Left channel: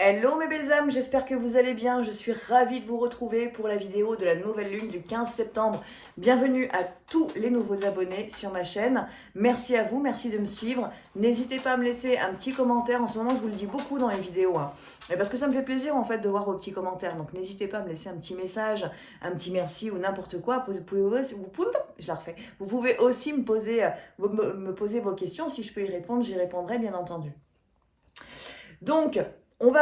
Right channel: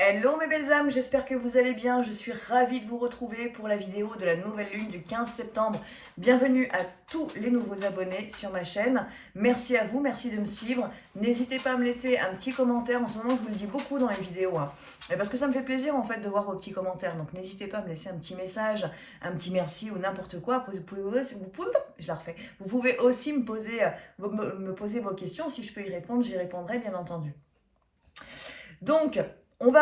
Hello mes belles âmes, j'espère que vous allez bien. Je suis ravie de vous retrouver pour la vidéo de la nouvelle lune du 15 septembre. Bienvenue à tous les nouveaux abonnés sur ma chaîne. Merci à vous, merci de me suivre. N'hésitez pas à me laisser un petit commentaire. En ce moment, je vous le dis beaucoup dans les vidéos, mais parce que ça me fait plaisir en fait de voir vos petits commentaires. Donc n'hésitez pas à me laisser un petit message, un petit merci ou n'importe quoi. Vous pouvez aussi me poser vos questions. Si je peux y répondre, j'y répondrai bien entendu. Donc, on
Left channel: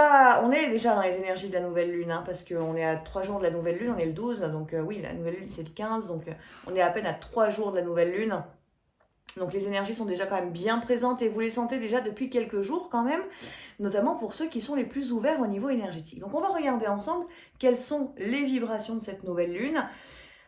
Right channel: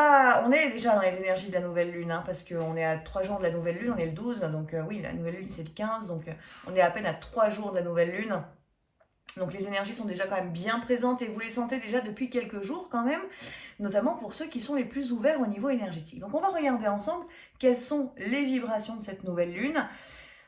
est déjà dans les énergies de la nouvelle lune, parce qu'on est à 3 jours de la nouvelle lune, on est le 12, donc oui, la nouvelle lune c'est le 15, donc on est à peine à 3 jours de la nouvelle lune. Donc les énergies sont déjà quand même bien présentes et vous les sentez déjà depuis quelques jours quand même, notamment pour ceux qui sont les plus ouverts au niveau énergétique. Donc on va regarder ensemble quelles sont les vibrations de cette nouvelle lune.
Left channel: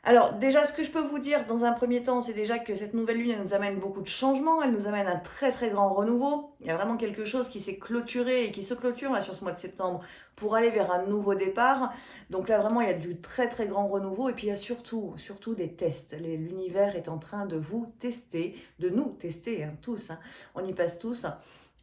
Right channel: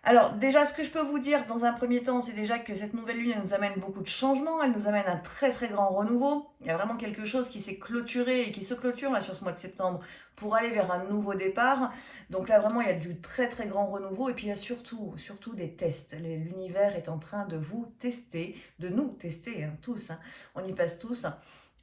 Alors déjà, ce que je peux vous dire dans un premier temps, c'est déjà que cette nouvelle lune, elle nous amène beaucoup de changements, elle nous amène un très très grand renouveau. Il y a vraiment quelque chose qui s'est clôturé et qui se clôture là sur ce mois de septembre pour aller vers un nouveau départ. Donc là vraiment, il y a du très très grand renouveau et puis il y a surtout des tests. L'univers est en train de vous tester, de nous tester tous, on y passe tous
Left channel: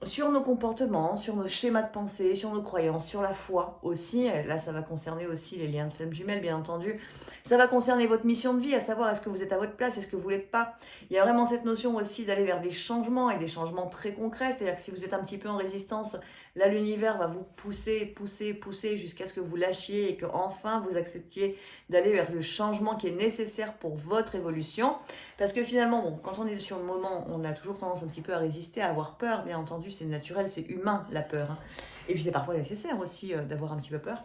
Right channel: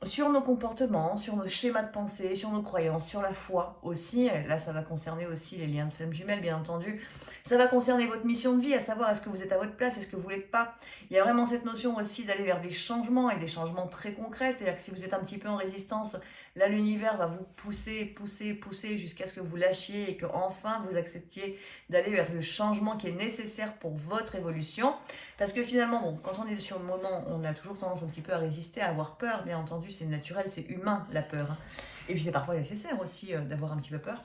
sur nos comportements, sur nos schémas de pensée, sur nos croyances, sur la foi aussi. Là, ça va concerner aussi les liens de flammes jumelles, bien entendu. Ça va concerner votre mission de vie, à savoir est-ce que vous êtes à votre place, est-ce que vous ne l'êtes pas. Il y a vraiment cette notion aussi d'aller vers des changements et des changements très concrets. C'est-à-dire que si vous êtes un petit peu en résistance, là, l'univers va vous pousser jusqu'à ce que vous lâchiez et que enfin vous acceptiez d'aller vers le changement qui est nécessaire pour votre évolution. Parce que finalement, bon, quand on est sur le moment, on a toujours tendance un petit peu à résister, à avoir peur. Bien entendu, c'est naturel, c'est humain la peur. Et puis c'est parfois nécessaire aussi d'avoir un petit peu peur.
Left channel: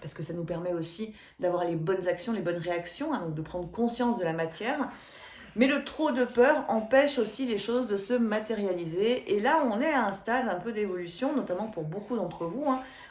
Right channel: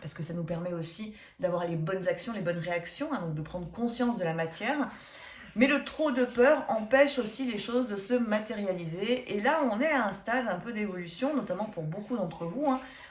Parce que ça nous permet aussi d'avoir les bonnes actions, les bonnes réactions, donc de prendre conscience de la matière. Mais le trop de peur empêche aussi les choses de se matérialiser. Et là, on est à un stade un peu d'évolution, notamment pour beaucoup d'entre vous,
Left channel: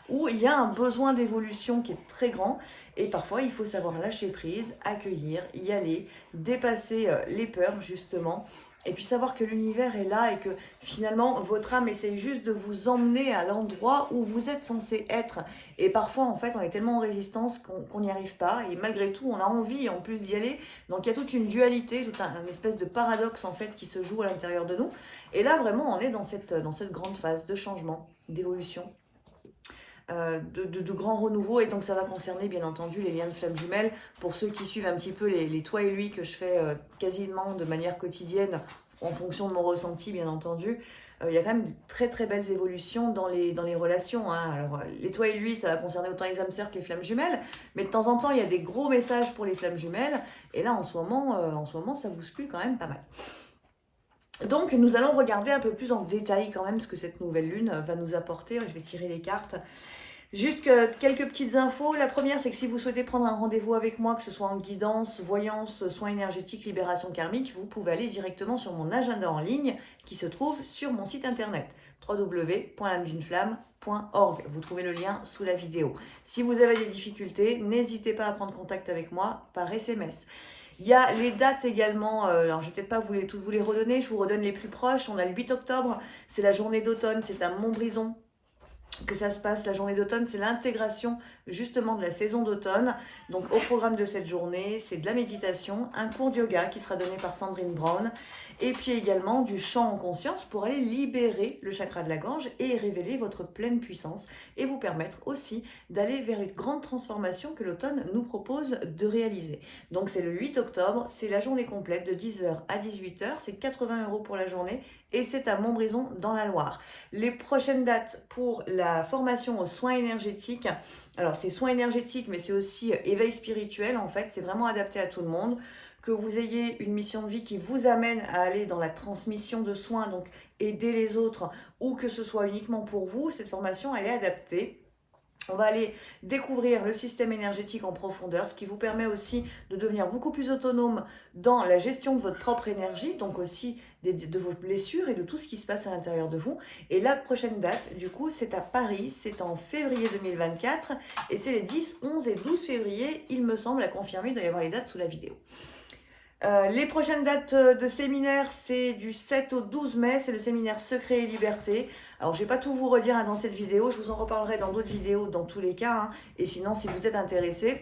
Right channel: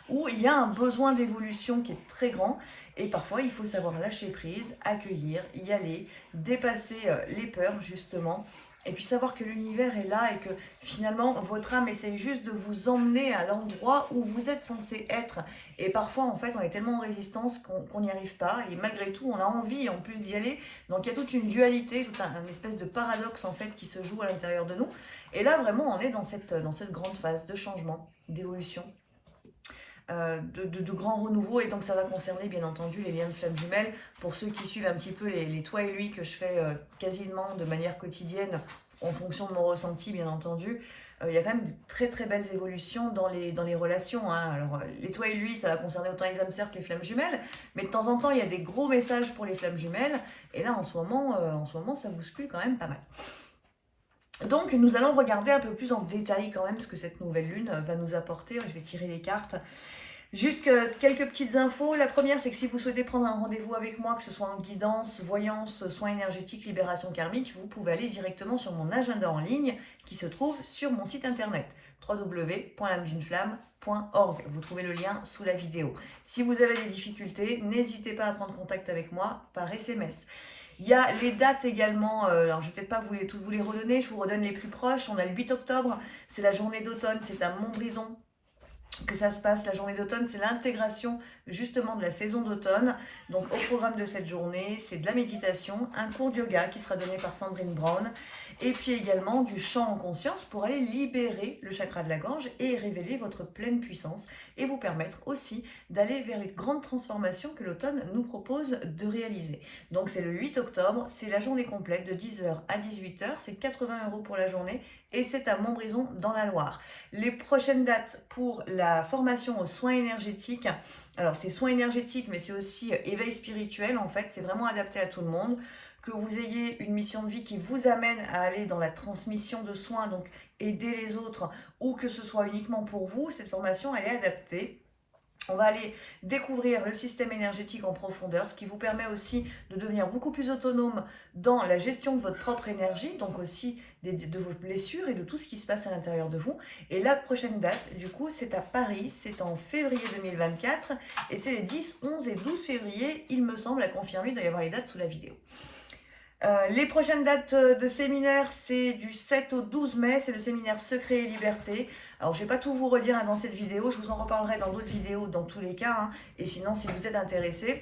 où il y a un besoin d'évolution qui est très grand. Et parfois, il faut savoir lâcher prise, accueillir, y aller, dépasser les peurs, justement. Et puis savoir que l'univers est là et que finalement, votre âme essaye juste de vous emmener à l'endroit où vous êtes censé être. Et parfois, en fait, on est tellement en résistance qu'on n'y arrive pas. Et malgré tout, on a envie en plus d'y aller. Donc, il y a toute une dualité, tout un espèce de paradoxe, en fait, qui se joue à l'intérieur de nous. Et là, vraiment, on est dans cette grande phase de changement, d'évolution, de grands renouveaux. Et donc, ça va concerner, bien entendu, les liens de flammes jumelles. Pour ceux qui suivent un petit peu les toi et lui que je fais quasiment de manière quotidienne, en fonction de mon ressenti, bien entendu, il y a quand même de très très belles évolutions dans les relations. Alors, les toi et lui, ça va concerner autant les âmes sœurs que les flammes jumelles, mais de temps en temps, il y a des gros messages pour les flammes jumelles, et là, en ce moment, ça bouscule quand même pas mal. Donc, nous allons regarder un peu plus en détail quand même ce que cette nouvelle lune va nous apporter. Je vais tirer les cartes. Juste quelques petites infos. La première, c'est que si vous souhaitez prendre un rendez-vous avec moi, que ce soit en guidance, voyance, soins énergétiques, libération karmique, vous pouvez aller directement sur mon agenda en ligne qui se trouve sur mon site internet www.lameduneflamme.org. Vous trouvez le lien sous la vidéo. Si vous avez des difficultés, n'hésitez pas à prendre contact avec moi par SMS. Il y a les dates également, alors je ne vais peut-être pas toutes vous les redonner, je vous redonne les plus proches. On a le 8 octobre, c'est la journée d'automne, c'est à Montbrison que ça se passe. La journée d'automne, c'est l'intégration justement de la saison d'automne. Donc au programme de cette journée, c'est de la méditation, un cours de yoga qui sera donné par Sandrine Brown, et puis également du chant en conscience pour aller libérer le chakra de la gorge et révéler votre pleine puissance et vous permettre aussi d'aller vers les grandes transformations que l'automne nous propose de réaliser. Donc c'est le 8 octobre, c'est la journée complète de 10h à 18h, c'est 80 € pour la journée et c'est à Montbrison dans la Loire. Les prochaines dates pour la formation aux soins énergétiques, alors c'est soins énergétiques mais c'est aussi éveil spirituel en fait, c'est vraiment adapté à tout le monde. Que vous ayez une mission de vie qui vous amène à aller dans la transmission de soins, donc aider les autres, ou que ce soit uniquement pour vous, cette formation elle est adaptée. On va aller découvrir le système énergétique en profondeur, ce qui vous permet aussi de devenir beaucoup plus autonome dans la gestion de votre propre énergie, donc aussi de vos blessures et de tout ce qui se passe à l'intérieur de vous. Et la prochaine date, du coup, c'est à Paris, c'est en février 2024, et c'est les 10, 11 et 12 février, il me semble, à confirmer, il doit y avoir les dates sous la vidéo. Les prochaines dates de séminaire, c'est du 7 au 12 mai, c'est le séminaire Secret et Liberté. Alors, je ne vais pas tout vous redire dans cette vidéo, je vous en reparlerai dans d'autres vidéos dans tous les cas. Et sinon, si vous êtes intéressé,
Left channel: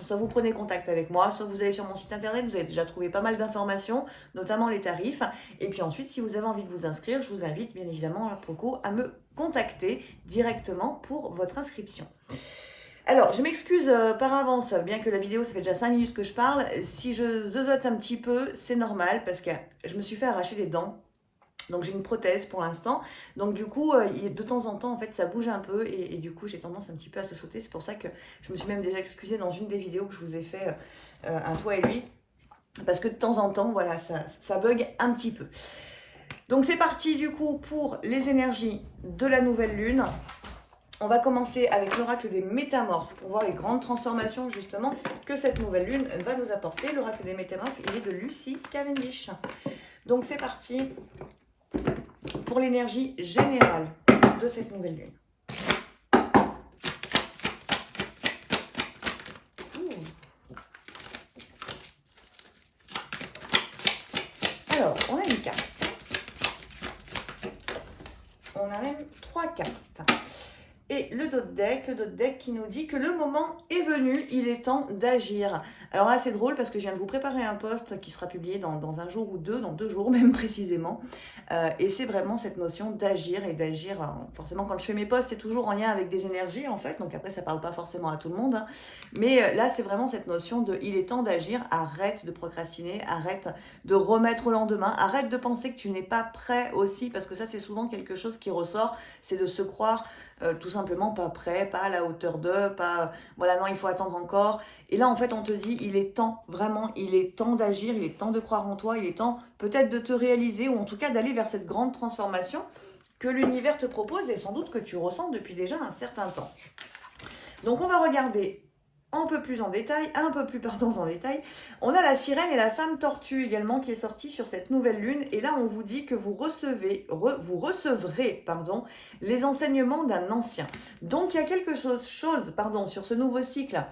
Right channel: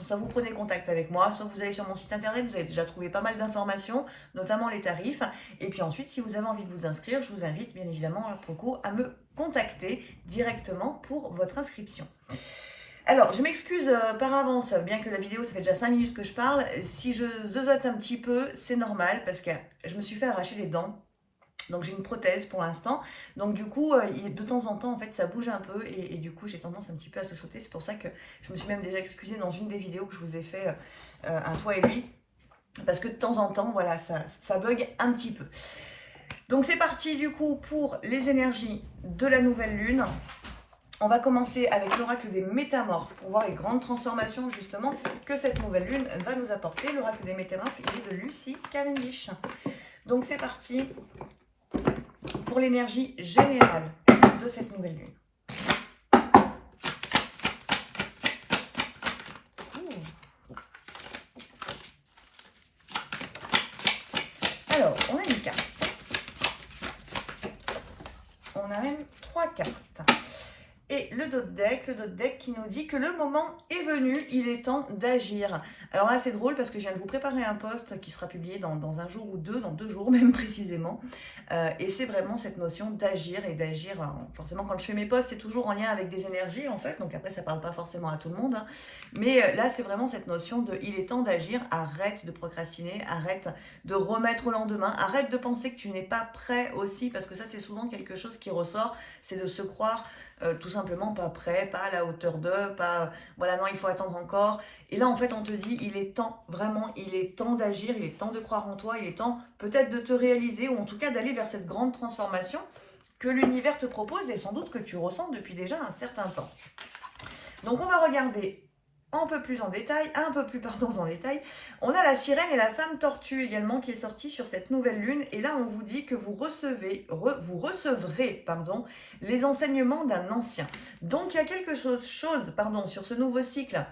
soit vous prenez contact avec moi, soit vous allez sur mon site internet, vous avez déjà trouvé pas mal d'informations, notamment les tarifs. Et puis ensuite, si vous avez envie de vous inscrire, je vous invite bien évidemment pour le coup à me contacter directement pour votre inscription. Alors, je m'excuse par avance, bien que la vidéo, ça fait déjà 5 minutes que je parle. Si je zozote un petit peu, c'est normal parce que je me suis fait arracher les dents. Donc, j'ai une prothèse pour l'instant. Donc, du coup, de temps en temps, en fait, ça bouge un peu. Et du coup, j'ai tendance un petit peu à se sauter. C'est pour ça que je me suis même déjà excusée dans une des vidéos que je vous ai fait, un toi et lui. Parce que de temps en temps, voilà, ça bug un petit peu. Donc, c'est parti, du coup, pour les énergies de la nouvelle lune. On va commencer avec l'oracle des métamorphes pour voir les grandes transformations justement que cette nouvelle lune va nous apporter. L'oracle des métamorphes, il est de Lucy Cavendish. Donc c'est parti pour l'énergie générale de cette nouvelle lune. Alors, on a une carte. On a même 3 cartes. Et le dos de deck qui nous dit que le moment est venu, il est temps d'agir. Alors là, c'est drôle parce que je viens de vous préparer un post qui sera publié dans un jour ou deux, dans 2 jours même précisément. Et c'est vraiment cette notion d'agir et d'agir. Forcément, quand je fais mes posts, c'est toujours en lien avec des énergies en fait. Donc après, ça ne parle pas forcément à tout le monde. Hein. Mais là, c'est vraiment cette notion de il est temps d'agir. Arrête de procrastiner, arrête de remettre au lendemain. Arrête de penser que tu n'es pas prêt aussi parce que ça, c'est souvent quelque chose qui ressort. C'est de se croire... tout simplement pas prêt, pas à la hauteur de, pas voilà, non, il faut attendre encore. Et là, en fait, on te dit, il est temps, vraiment, il est temps d'agir, il est temps de croire en toi, il est temps peut-être de te réaliser ou en tout cas d'aller vers cette grande transformation que l'univers te propose et sans doute que tu ressens depuis déjà un certain temps. Donc, on va regarder un peu plus en détail. On a la sirène et la femme tortue également qui est sortie sur cette nouvelle lune. Et là, on vous dit que vous recevrez les enseignements d'un ancien. Donc, il y a quelque chose sur ce nouveau cycle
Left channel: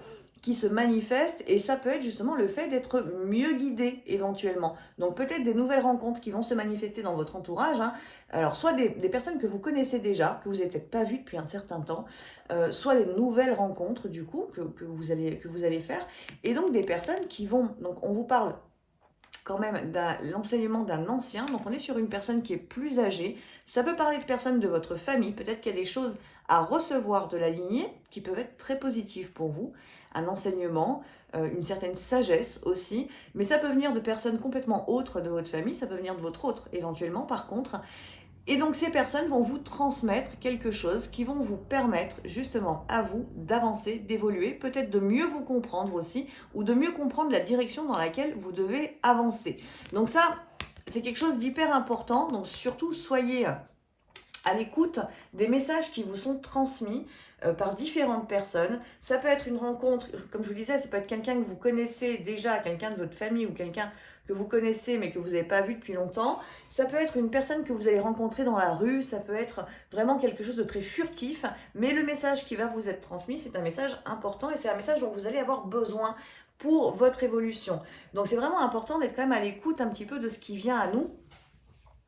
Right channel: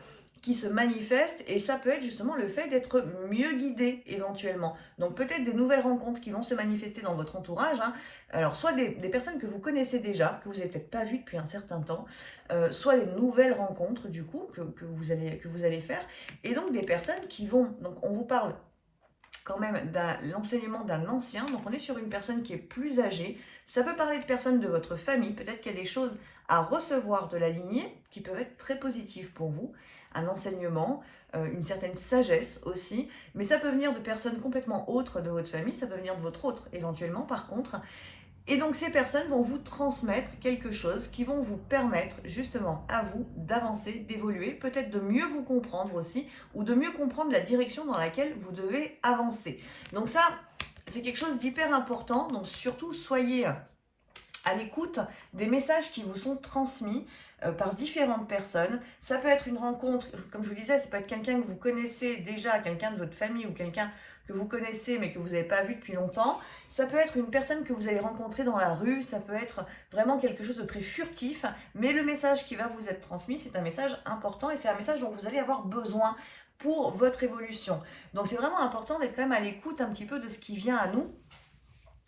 qui se manifeste et ça peut être justement le fait d'être mieux guidé éventuellement. Donc peut-être des nouvelles rencontres qui vont se manifester dans votre entourage. Hein. Alors soit des personnes que vous connaissez déjà, que vous n'avez peut-être pas vues depuis un certain temps, soit des nouvelles rencontres du coup que vous allez faire. Et donc des personnes qui vont, donc on vous parle quand même de l'enseignement d'un ancien, donc on est sur une personne qui est plus âgée, ça peut parler de personnes de votre famille, peut-être qu'il y a des choses à recevoir de la lignée qui peuvent être très positives pour vous, un enseignement, une certaine sagesse aussi, mais ça peut venir de personnes complètement autres de votre famille, ça peut venir de votre autre éventuellement par contre. Et donc ces personnes vont vous transmettre quelque chose qui vont vous permettre justement à vous d'avancer, d'évoluer, peut-être de mieux vous comprendre aussi, ou de mieux comprendre la direction dans laquelle vous devez avancer. Donc ça, c'est quelque chose d'hyper important, donc surtout soyez à l'écoute des messages qui vous sont transmis par différentes personnes. Ça peut être une rencontre, comme je vous disais, ça peut être quelqu'un que vous connaissez déjà, quelqu'un de votre famille ou quelqu'un que vous connaissez mais que vous n'avez pas vu depuis longtemps. Ça peut être une personne que vous allez rencontrer dans la rue, ça peut être vraiment quelque chose de très furtif, mais le message qui va vous être transmis, c'est un message important et c'est un message dont vous allez avoir besoin pour votre évolution. Donc c'est vraiment important d'être quand même à l'écoute un petit peu de ce qui vient à nous.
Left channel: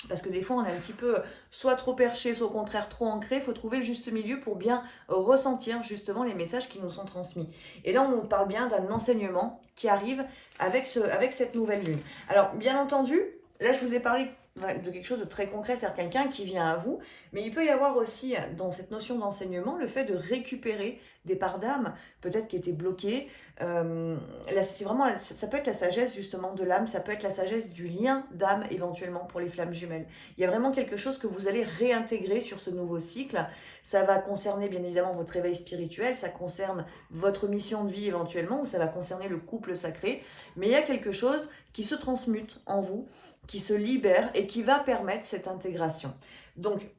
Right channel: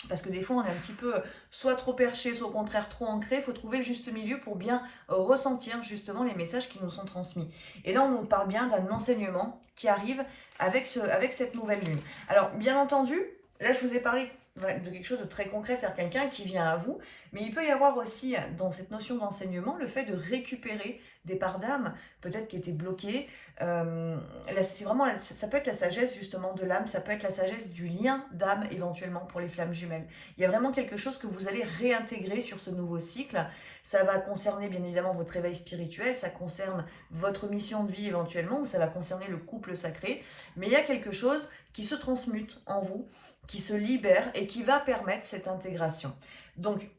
Parce que des fois, on est un petit peu soit trop perché, soit au contraire trop ancré. Il faut trouver le juste milieu pour bien ressentir justement les messages qui nous sont transmis. Et là, on parle bien d'un enseignement qui arrive avec cette nouvelle lune. Alors, bien entendu, là, je vous ai parlé de quelque chose de très concret, c'est-à-dire quelqu'un qui vient à vous. Mais il peut y avoir aussi, dans cette notion d'enseignement, le fait de récupérer des parts d'âme, peut-être qui étaient bloquées. Là, c'est vraiment, ça peut être la sagesse justement de l'âme, ça peut être la sagesse du lien d'âme éventuellement pour les flammes jumelles. Il y a vraiment quelque chose que vous allez réintégrer sur ce nouveau cycle. Ça va concerner bien évidemment votre réveil spirituel, ça concerne votre mission de vie éventuellement, ou ça va concerner le couple sacré. Mais il y a quelque chose qui se transmute en vous, qui se libère et qui va permettre cette intégration. Donc,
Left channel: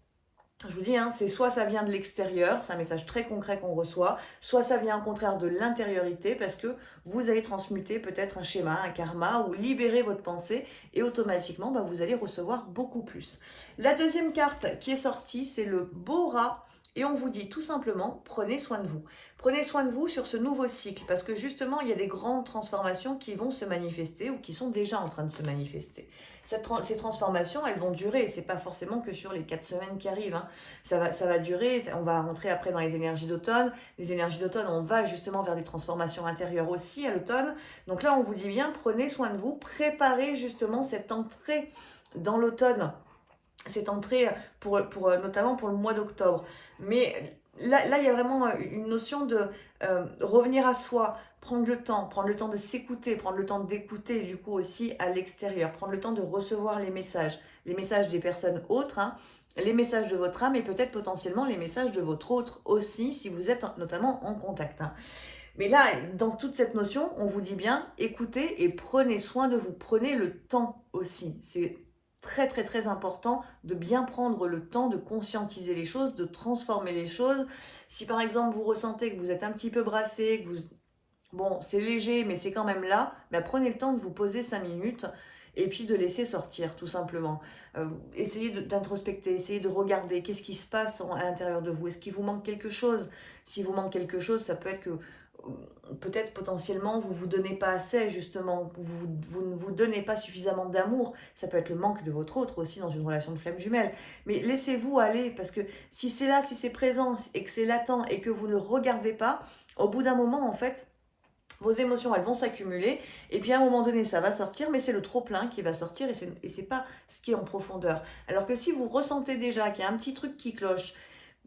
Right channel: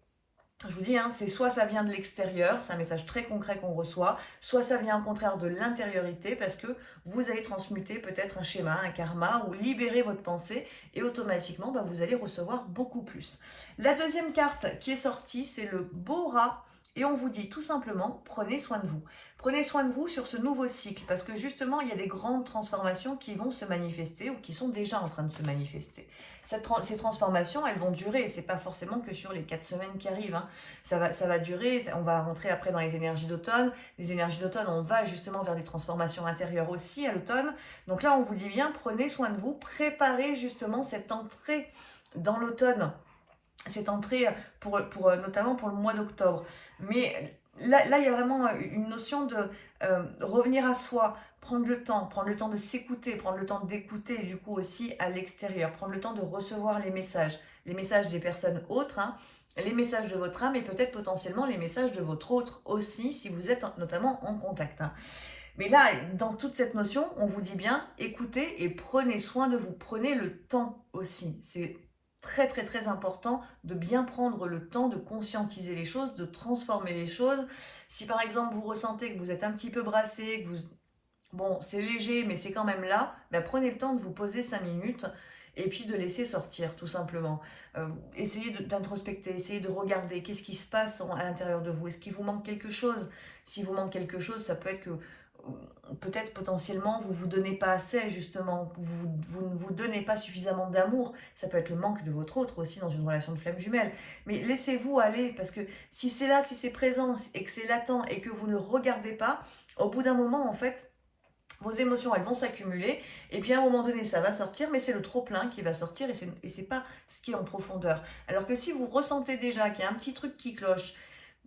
je vous dis, hein, c'est soit ça vient de l'extérieur, c'est un message très concret qu'on reçoit, soit ça vient au contraire de l'intériorité parce que vous allez transmuter peut-être un schéma, un karma ou libérer votre pensée et automatiquement vous allez recevoir beaucoup plus. La deuxième carte qui est sortie, c'est le beau rat et on vous dit tout simplement, prenez soin de vous. Prenez soin de vous sur ce nouveau cycle parce que justement, il y a des grandes transformations qui vont se manifester ou qui sont déjà en train de se manifester. Ces transformations, elles vont durer. C'est pas forcément que sur les 4 semaines qui arrivent. Hein. Ça va durer. On va rentrer après dans les énergies d'automne. Les énergies d'automne, on va justement vers des transformations intérieures aussi à l'automne. Donc là, on vous dit bien, prenez soin de vous. Préparez justement cette entrée dans l'automne cette entrée notamment pour le mois d'octobre. Mais là, il y a vraiment une notion de revenir à soi, prendre le temps de s'écouter, prendre le temps d'écouter du coup aussi à l'extérieur, prendre le temps de recevoir les messages des personnes autres, hein, les messages de votre âme et peut-être potentiellement les messages de votre autre aussi, si vous êtes notamment en contact, hein. Mais là, dans toute cette notion, on vous dit bien, écoutez et prenez soin de vous, prenez le temps aussi. C'est très très très important de bien prendre le temps de conscientiser les choses, de transformer les choses. Si par exemple vous ressentez que vous êtes un petit peu brassé, que vous... Bon, c'est léger, mais c'est quand même là, ben prenez le temps de vous poser 5 minutes et puis de laisser sortir, tout simplement. Essayez d'introspecter, essayez de regarder qu'est-ce qui se passe à l'intérieur de vous. Est-ce qu'il vous manque quelque chose? Si vous manque quelque chose, ça peut être que peut-être potentiellement vous ne vous donnez pas assez, justement, vous ne vous donnez pas suffisamment d'amour. Ça peut être le manque de votre autre aussi dans une relation de flamme jumelle. Mais laissez-vous aller, parce que si c'est là, si c'est présent et que c'est latent et que vous ne le regardez pas, au bout d'un moment, en fait, vos émotions, elles vont s'accumuler, et puis à un moment donné, ça va sortir, mais c'est le trop-plein qui va sortir, et c'est pas ce qui est en profondeur. Alors que si vous ressentez déjà qu'il y a un petit truc qui cloche,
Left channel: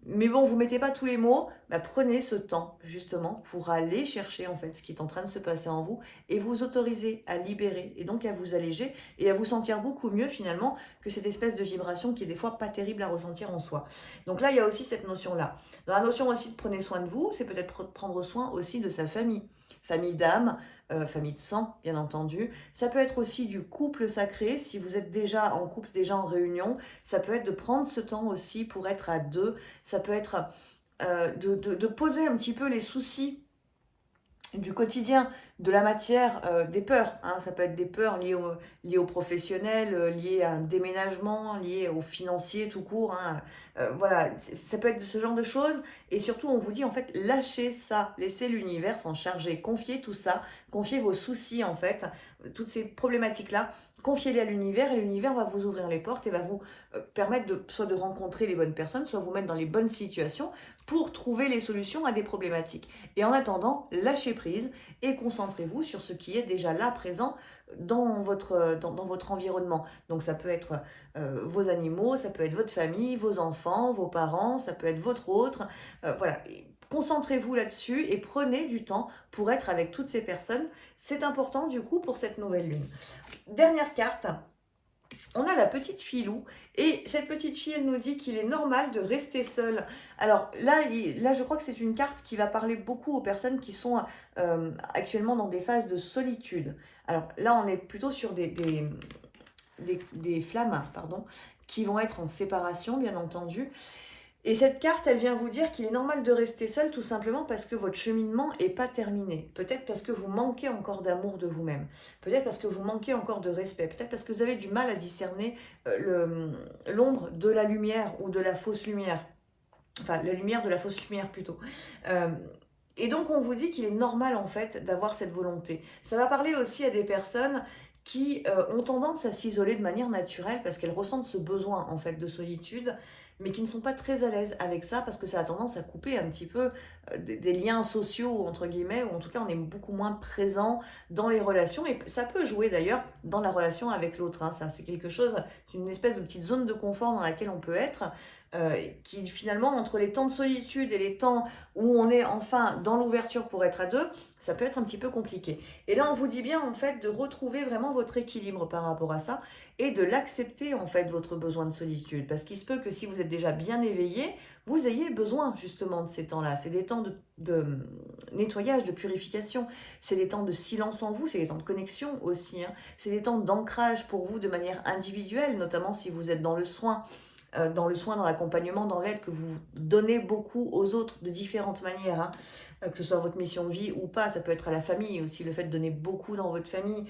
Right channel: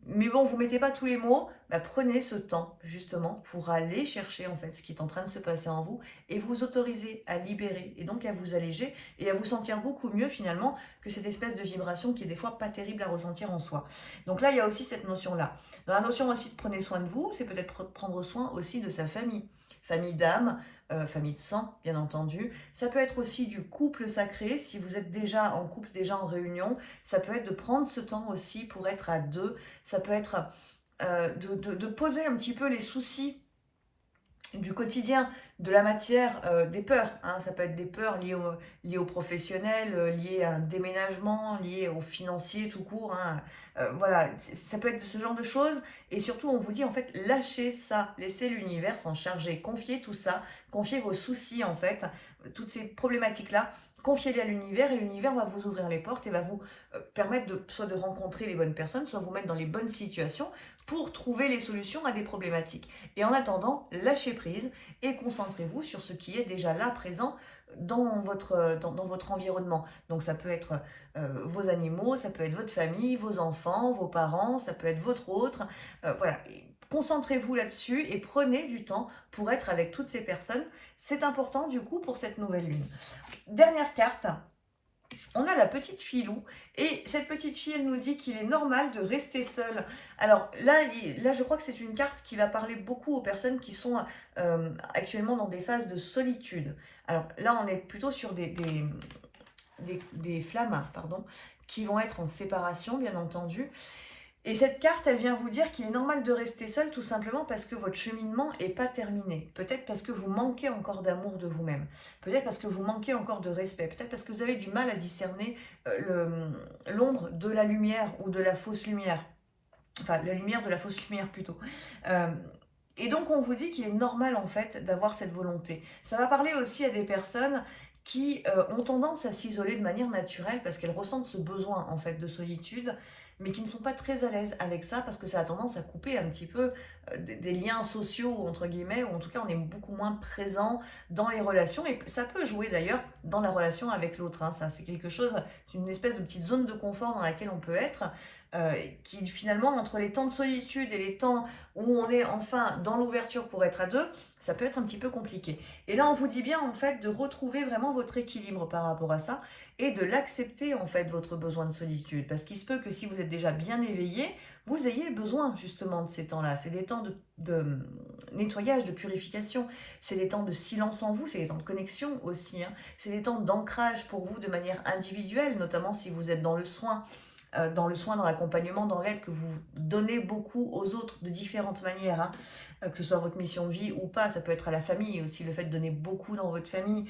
mais bon, vous mettez pas tous les mots, bah prenez ce temps justement pour aller chercher en fait ce qui est en train de se passer en vous et vous autoriser à libérer et donc à vous alléger et à vous sentir beaucoup mieux finalement que cette espèce de vibration qui est des fois pas terrible à ressentir en soi. Donc là, il y a aussi cette notion-là. Dans la notion aussi de prenez soin de vous, c'est peut-être prendre soin aussi de sa famille, famille d'âme, famille de sang, bien entendu. Ça peut être aussi du couple sacré, si vous êtes déjà en couple, déjà en réunion. Ça peut être de prendre ce temps aussi pour être à deux. Ça peut être de poser un petit peu les soucis du quotidien, de la matière, des peurs, hein. Ça peut être des peurs liées au professionnel, liées à un déménagement, liées au financier tout court, hein. Voilà, ça peut être de ce genre de choses. Et surtout, on vous dit en fait, lâchez ça, laissez l'univers s'en charger, confiez tout ça, confiez vos soucis en fait, toutes ces problématiques-là, confiez-les à l'univers et l'univers va vous ouvrir les portes et va vous permettre soit de rencontrer les bonnes personnes, soit vous mettre dans les bonnes situations pour trouver les solutions à des problématiques. Et en attendant, lâchez prise et concentrez-vous sur ce qui est déjà là, présent dans votre environnement. Donc ça peut être vos animaux, ça peut être votre famille, vos enfants, vos parents, ça peut être votre autre. Voilà, concentrez-vous là-dessus et prenez du temps pour être avec toutes ces personnes. C'est important du coup pour cette nouvelle lune. Dernière carte. On a la petite Filou, et cette petite fille, elle nous dit qu'il est normal de rester seule. Alors là, je crois que c'est une carte qui va parler beaucoup aux personnes qui sont actuellement dans des phases de solitude. Alors là, on est plutôt sur des flammes, pardon, qui vont être en séparation, bien entendu. Et cette carte, elle vient vous dire qu'il est normal de rester seul tout simplement parce que votre cheminement n'est pas terminé. Peut-être parce que vous manquez encore d'amour de vous-même. Peut-être parce que vous manquez encore de respect. Peut-être parce que vous avez du mal à discerner l'ombre de la lumière ou de la fausse lumière. Enfin, la lumière de la fausse lumière plutôt. Et donc, on vous dit qu'il est normal en fait d'avoir cette volonté. Ça va parler aussi à des personnes qui ont tendance à s'isoler de manière naturelle parce qu'elles ressentent ce besoin en fait de solitude, mais qui ne sont pas très à l'aise avec ça parce que ça a tendance à couper un petit peu des liens sociaux, entre guillemets, ou en tout cas on est beaucoup moins présent dans les relations, et ça peut jouer d'ailleurs dans la relation avec l'autre, hein. Ça c'est quelque chose, c'est une espèce de petite zone de confort dans laquelle on peut être, qui finalement, entre les temps de solitude et les temps où on est enfin dans l'ouverture pour être à deux, ça peut être un petit peu compliqué. Et là, on vous dit bien en fait de retrouver vraiment votre équilibre par rapport à ça et de l'accepter en fait, votre besoin de solitude. Parce qu'il se peut que si vous êtes déjà bien éveillé, vous ayez besoin justement de ces temps-là. C'est des temps de nettoyage, de purification. C'est des temps de silence en vous, c'est des temps de connexion aussi, hein. C'est des temps d'ancrage pour vous de manière individuelle, notamment si vous êtes dans le soin, dans l'accompagnement, dans l'aide que vous donnez beaucoup aux autres de différentes manières, hein. Que ce soit votre mission de vie ou pas, ça peut être à la famille aussi, le fait de donner beaucoup dans votre famille.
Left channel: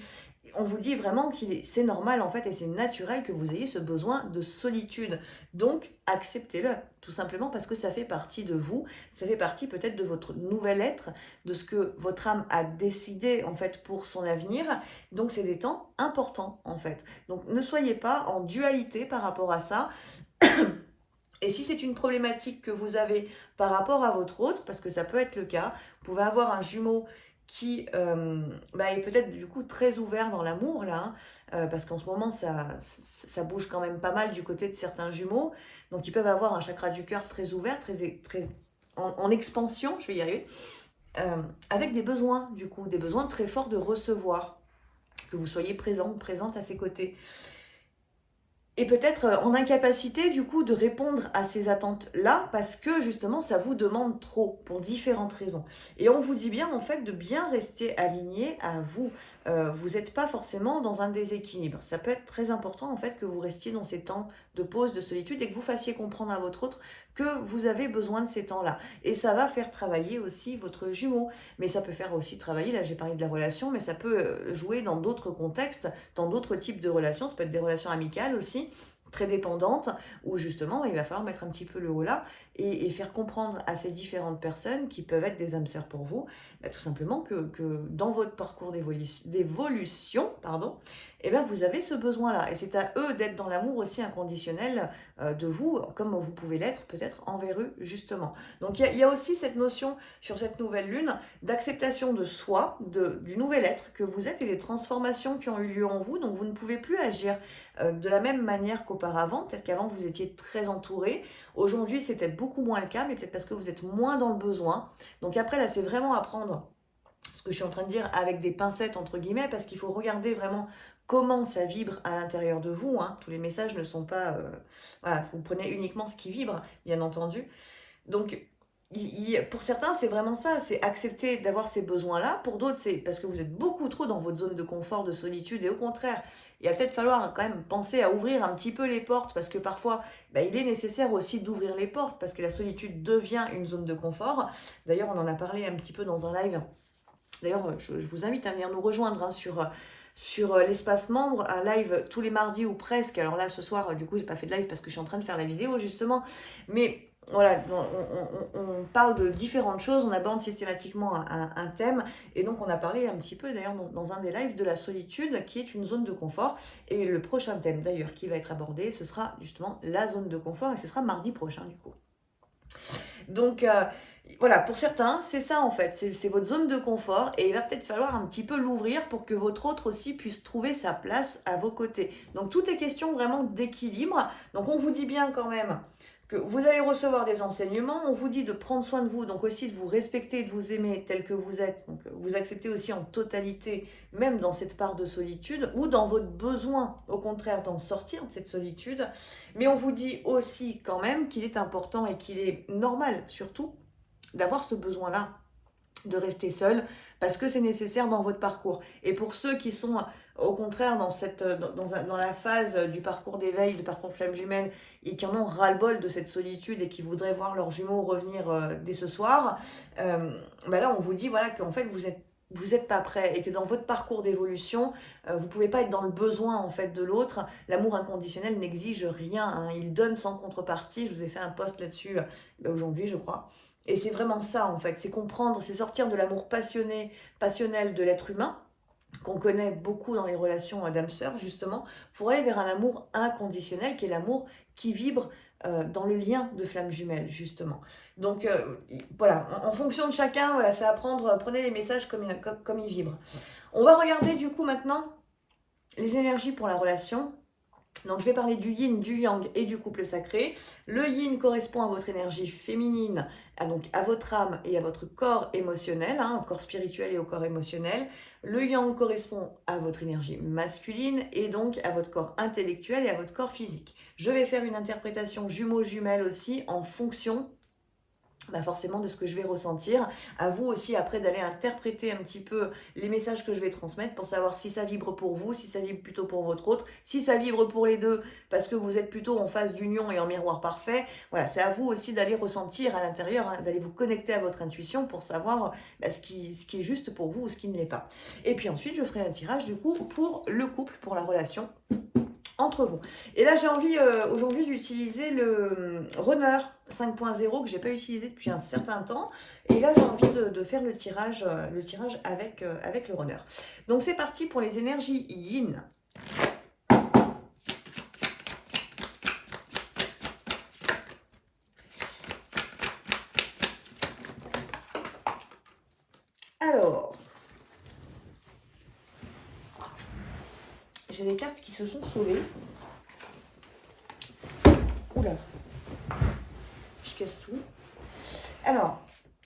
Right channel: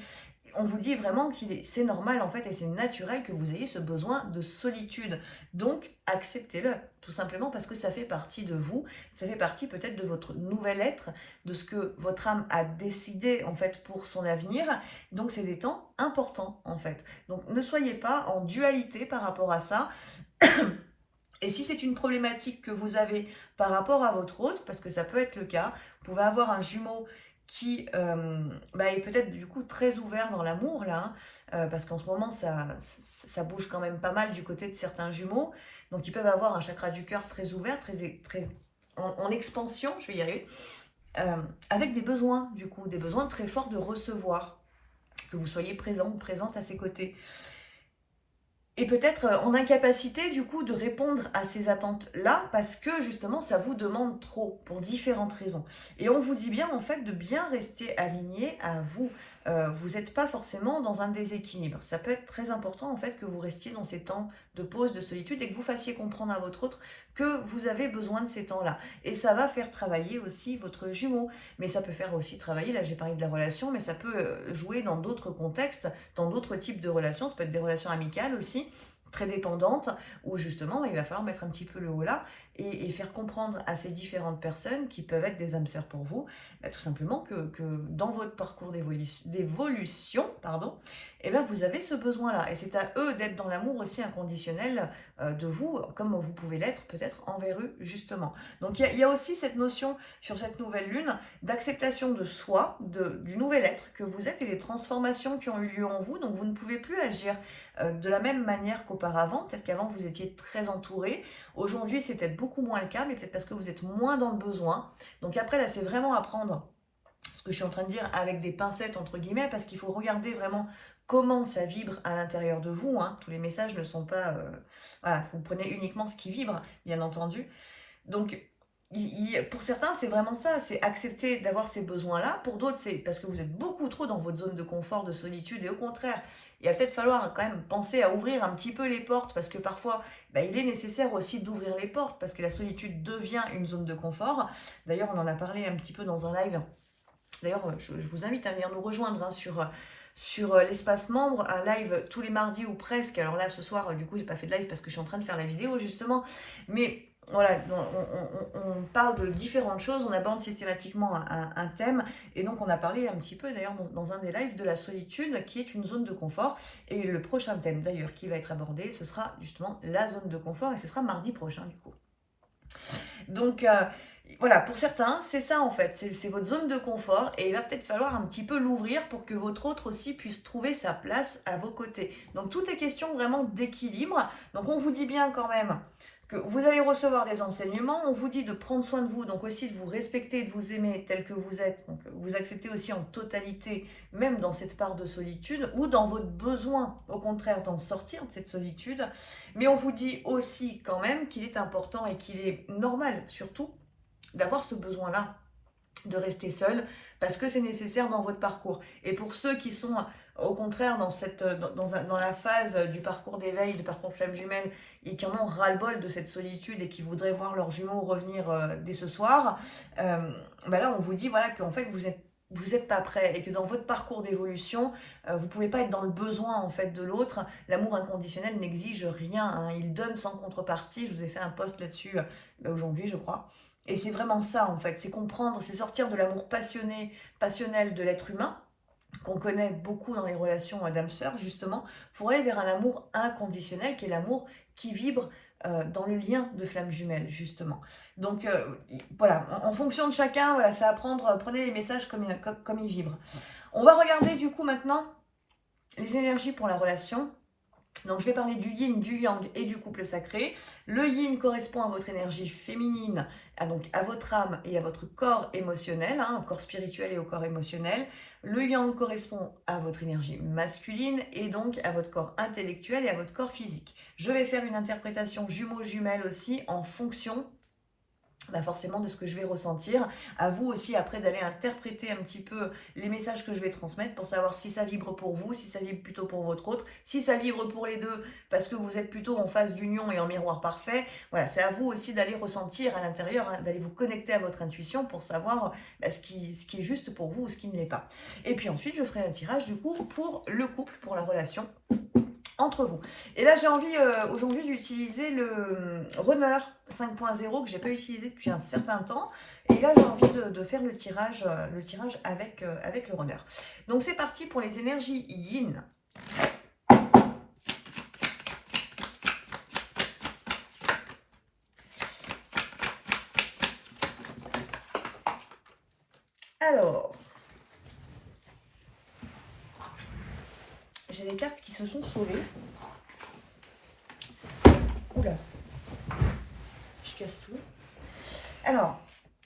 On vous dit vraiment que c'est normal en fait et c'est naturel que vous ayez ce besoin de solitude. Donc acceptez-le, tout simplement parce que ça fait partie de vous, ça fait partie peut-être de votre nouvel être, de ce que votre âme a décidé en fait pour son avenir. Donc c'est des temps importants en fait. Donc ne soyez pas en dualité par rapport à ça. Et si c'est une problématique que vous avez par rapport à votre autre, parce que ça peut être le cas, vous pouvez avoir un jumeau qui est peut-être du coup très ouvert dans l'amour là, parce qu'en ce moment ça bouge quand même pas mal du côté de certains jumeaux, donc ils peuvent avoir un chakra du cœur très ouvert, très en expansion, je vais y arriver, avec des besoins du coup, des besoins très forts de recevoir, que vous soyez présent ou présente à ses côtés. Et peut-être en incapacité du coup de répondre à ces attentes-là parce que justement ça vous demande trop pour différentes raisons. Et on vous dit bien en fait de bien rester aligné à vous. Vous n'êtes pas forcément dans un déséquilibre. Ça peut être très important en fait que vous restiez dans ces temps de pause, de solitude et que vous fassiez comprendre à votre autre que vous avez besoin de ces temps-là. Et ça va faire travailler aussi votre jumeau. Mais ça peut faire aussi travailler, là j'ai parlé de la relation, mais ça peut jouer dans d'autres contextes, dans d'autres types de relations. Ça peut être des relations amicales aussi, très dépendantes, où justement il va falloir mettre un petit peu le haut là et faire comprendre à ces différentes personnes qui peuvent être des âmes sœurs pour vous, tout simplement que dans votre parcours d'évolution, vous avez ce besoin-là. Et c'est à eux d'être dans l'amour aussi inconditionnel de vous, comme vous pouvez l'être peut-être envers eux, justement. Donc il y a aussi cette notion sur cette nouvelle lune d'acceptation de soi, du nouvel être que vous êtes et des transformations qui ont eu lieu en vous. Donc vous ne pouvez plus agir de la même manière qu'auparavant. Peut-être qu'avant vous étiez très entouré. Aujourd'hui c'est peut-être beaucoup moins le cas, mais peut-être parce que vous êtes moins dans le besoin. Donc après là c'est vraiment à prendre ce que je suis en train de dire avec des pincettes entre guillemets, parce qu'il faut regarder vraiment comment ça vibre à l'intérieur de vous. Hein. Tous les messages ne sont pas... voilà, vous prenez uniquement ce qui vibre, bien entendu. Donc, pour certains, c'est vraiment ça, c'est accepter d'avoir ces besoins-là. Pour d'autres, c'est parce que vous êtes beaucoup trop dans votre zone de confort, de solitude, et au contraire, il va peut-être falloir quand même penser à ouvrir un petit peu les portes, parce que parfois, il est nécessaire aussi d'ouvrir les portes, parce que la solitude devient une zone de confort. D'ailleurs, on en a parlé un petit peu dans un live. D'ailleurs, je vous invite à venir nous rejoindre hein, sur l'espace membre, un live tous les mardis ou presque. Alors là, ce soir, du coup, j'ai pas fait de live parce que je suis en train de faire la vidéo, justement. Mais voilà, on parle de différentes choses, on aborde systématiquement un thème. Et donc, on a parlé un petit peu, d'ailleurs, dans un des lives, de la solitude, qui est une zone de confort. Et le prochain thème, d'ailleurs, qui va être abordé, ce sera justement la zone de confort. Et ce sera mardi prochain, du coup. Donc... voilà, pour certains, c'est ça en fait, c'est votre zone de confort et il va peut-être falloir un petit peu l'ouvrir pour que votre autre aussi puisse trouver sa place à vos côtés. Donc tout est question vraiment d'équilibre. Donc on vous dit bien quand même que vous allez recevoir des enseignements, on vous dit de prendre soin de vous, donc aussi de vous respecter, de vous aimer tel que vous êtes, donc vous acceptez aussi en totalité, même dans cette part de solitude, ou dans votre besoin, au contraire, d'en sortir de cette solitude. Mais on vous dit aussi quand même qu'il est important et qu'il est normal, surtout, d'avoir ce besoin-là de rester seul parce que c'est nécessaire dans votre parcours. Et pour ceux qui sont au contraire dans la phase du parcours d'éveil, du parcours flamme jumelle et qui en ont ras-le-bol de cette solitude et qui voudraient voir leurs jumeaux revenir dès ce soir, là on vous dit voilà qu'en fait vous êtes pas prêt et que dans votre parcours d'évolution, vous pouvez pas être dans le besoin en fait de l'autre. L'amour inconditionnel n'exige rien, hein. Il donne sans contrepartie. Je vous ai fait un post là-dessus aujourd'hui, je crois. Et c'est vraiment ça en fait, c'est comprendre, c'est sortir de l'amour passionnel de l'être humain, qu'on connaît beaucoup dans les relations d'âme-sœur justement, pour aller vers un amour inconditionnel qui est l'amour qui vibre dans le lien de flamme jumelle justement. Donc voilà, en fonction de chacun, voilà, c'est à prendre, prenez les messages comme ils vibrent. On va regarder du coup maintenant les énergies pour la relation. Donc je vais parler du yin, du yang et du couple sacré. Le yin correspond à votre énergie féminine, donc à votre âme et à votre corps émotionnel, au corps spirituel et au corps émotionnel. Le yang correspond à votre énergie masculine et donc à votre corps intellectuel et à votre corps physique. Je vais faire une interprétation jumeaux-jumelles aussi en fonction forcément de ce que je vais ressentir. À vous aussi après d'aller interpréter un petit peu les messages que je vais transmettre pour savoir si ça vibre pour vous, si ça vibre plutôt pour votre autre, si ça vibre pour les deux parce que vous êtes plutôt en phase d'union et en miroir parfait. Voilà, c'est à vous aussi d'aller ressentir à l'intérieur, d'aller vous connecter à votre intuition pour savoir ce qui est juste pour vous ou ce qui ne l'est pas. Et puis ensuite, je ferai un tirage du coup pour le couple, pour la relation entre vous. Et là, j'ai envie aujourd'hui d'utiliser le Runner 5.0 que j'ai pas utilisé depuis un certain temps. Et là, j'ai envie de faire le tirage avec le Runner. Donc, c'est parti pour les énergies yin. Alors, j'ai des cartes qui se sont sauvées. Oula, je casse tout. Alors,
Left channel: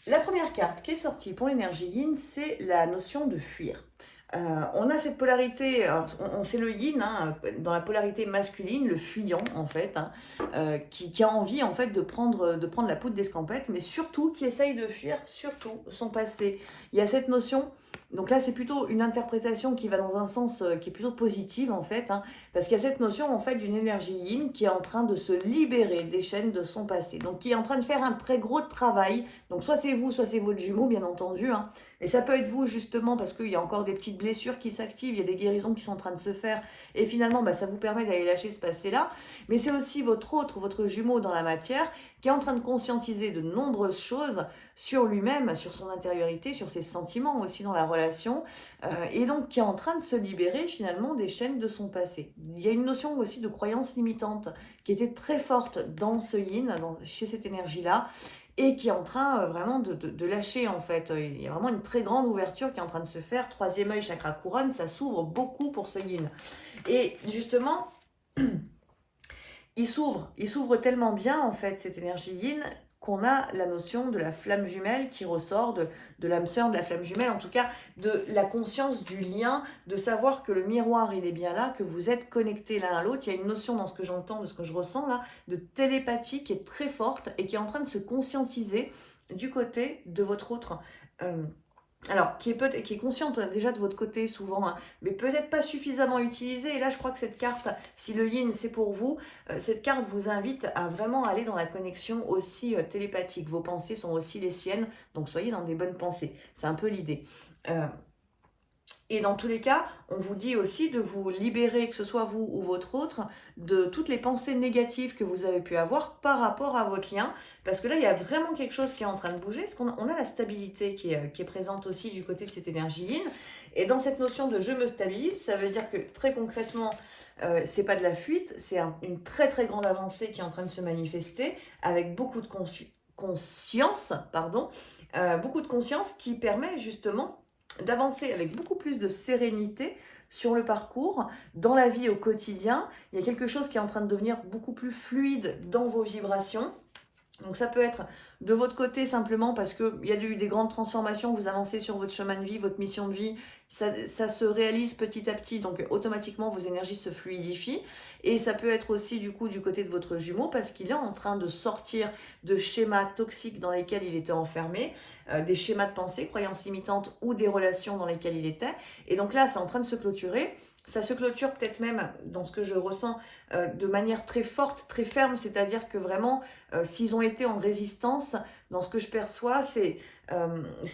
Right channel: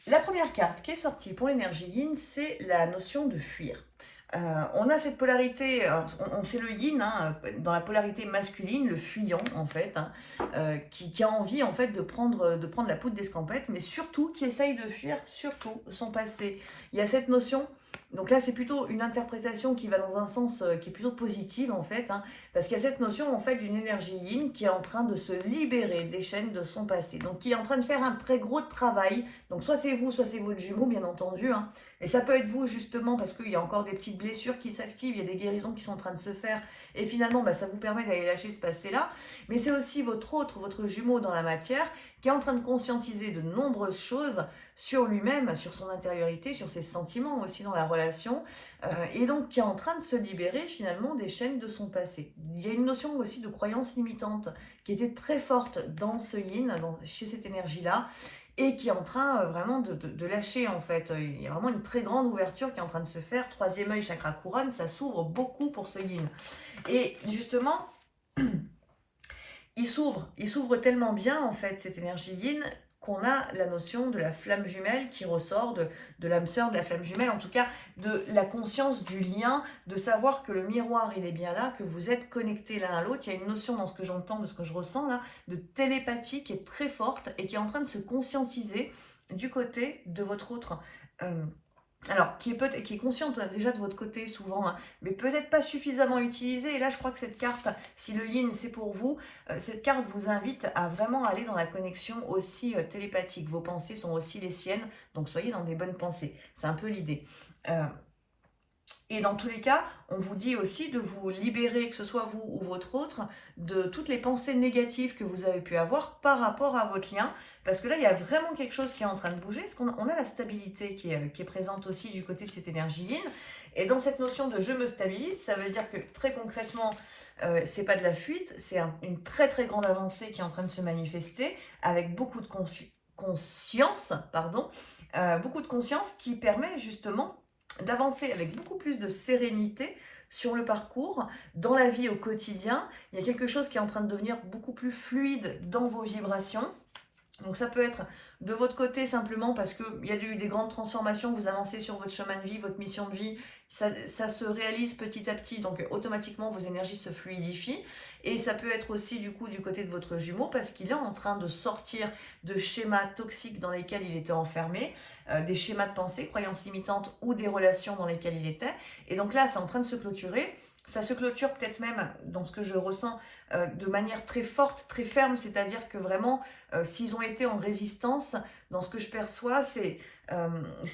la première carte qui est sortie pour l'énergie yin, c'est la notion de fuir. On a cette polarité, on sait le yin, hein, dans la polarité masculine, le fuyant en fait, hein, qui a envie en fait de prendre la poudre d'escampette, mais surtout qui essaye de fuir surtout son passé. Il y a cette notion, donc là c'est plutôt une interprétation qui va dans un sens qui est plutôt positive en fait, hein, parce qu'il y a cette notion en fait d'une énergie yin qui est en train de se libérer des chaînes de son passé, donc qui est en train de faire un très gros travail, donc soit c'est vous, soit c'est votre jumeau bien entendu, hein, et ça peut être vous justement parce qu'il y a encore des petites blessures qui s'activent, il y a des guérisons qui sont en train de se faire et finalement ça vous permet d'aller lâcher ce passé-là. Mais c'est aussi votre jumeau dans la matière qui est en train de conscientiser de nombreuses choses sur lui-même, sur son intériorité, sur ses sentiments aussi dans la relation et donc qui est en train de se libérer finalement des chaînes de son passé. Il y a une notion aussi de croyance limitante qui était très forte dans ce yin, chez cette énergie-là, et qui est en train vraiment de lâcher en fait. Il y a vraiment une très grande ouverture qui est en train de se faire. Troisième œil, chakra couronne, ça s'ouvre beaucoup pour ce yin. Et justement, il s'ouvre tellement bien en fait cette énergie yin qu'on a la notion de la flamme jumelle qui ressort de l'âme sœur de la flamme jumelle, en tout cas de la conscience du lien, de savoir que le miroir il est bien là, que vous êtes connectés l'un à l'autre. Il y a une notion dans ce que j'entends, de ce que je ressens là, de télépathie qui est très forte et qui est en train de se conscientiser du côté de votre autre. Alors, qui est consciente déjà de votre côté souvent, hein, mais peut-être pas suffisamment utilisée. Et là, je crois que cette carte, si le yin c'est pour vous, cette carte vous invite à vraiment aller dans la connexion aussi télépathique. Vos pensées sont aussi les siennes, donc soyez dans des bonnes pensées. C'est un peu l'idée. Et dans tous les cas, on vous dit aussi de vous libérer, que ce soit vous ou votre autre, de toutes les pensées négatives que vous avez pu avoir par rapport à votre lien. Parce que là, il y a vraiment quelque chose qui est en train de bouger. Parce qu'on a la stabilité qui est présente aussi du côté de cette énergie yin. Et dans cette notion de je me stabilise, ça veut dire que très concrètement, c'est pas de la fuite, c'est une très très grande avancée qui est en train de se manifester avec beaucoup de conscience, beaucoup de conscience qui permet justement d'avancer avec beaucoup plus de sérénité sur le parcours, dans la vie au quotidien. Il y a quelque chose qui est en train de devenir beaucoup plus fluide dans vos vibrations. Donc ça peut être de votre côté simplement parce qu'il y a eu des grandes transformations, vous avancez sur votre chemin de vie, votre mission de vie, ça se réalise petit à petit, donc automatiquement vos énergies se fluidifient. Et ça peut être aussi du coup du côté de votre jumeau parce qu'il est en train de sortir de schémas toxiques dans lesquels il était enfermé, des schémas de pensée, croyances limitantes ou des relations dans lesquelles il était. Et donc là, c'est en train de se clôturer. Ça se clôture peut-être même, dans ce que je ressens, de manière très forte, très ferme, c'est-à-dire que vraiment, s'ils ont été en résistance, dans ce que je perçois, c'est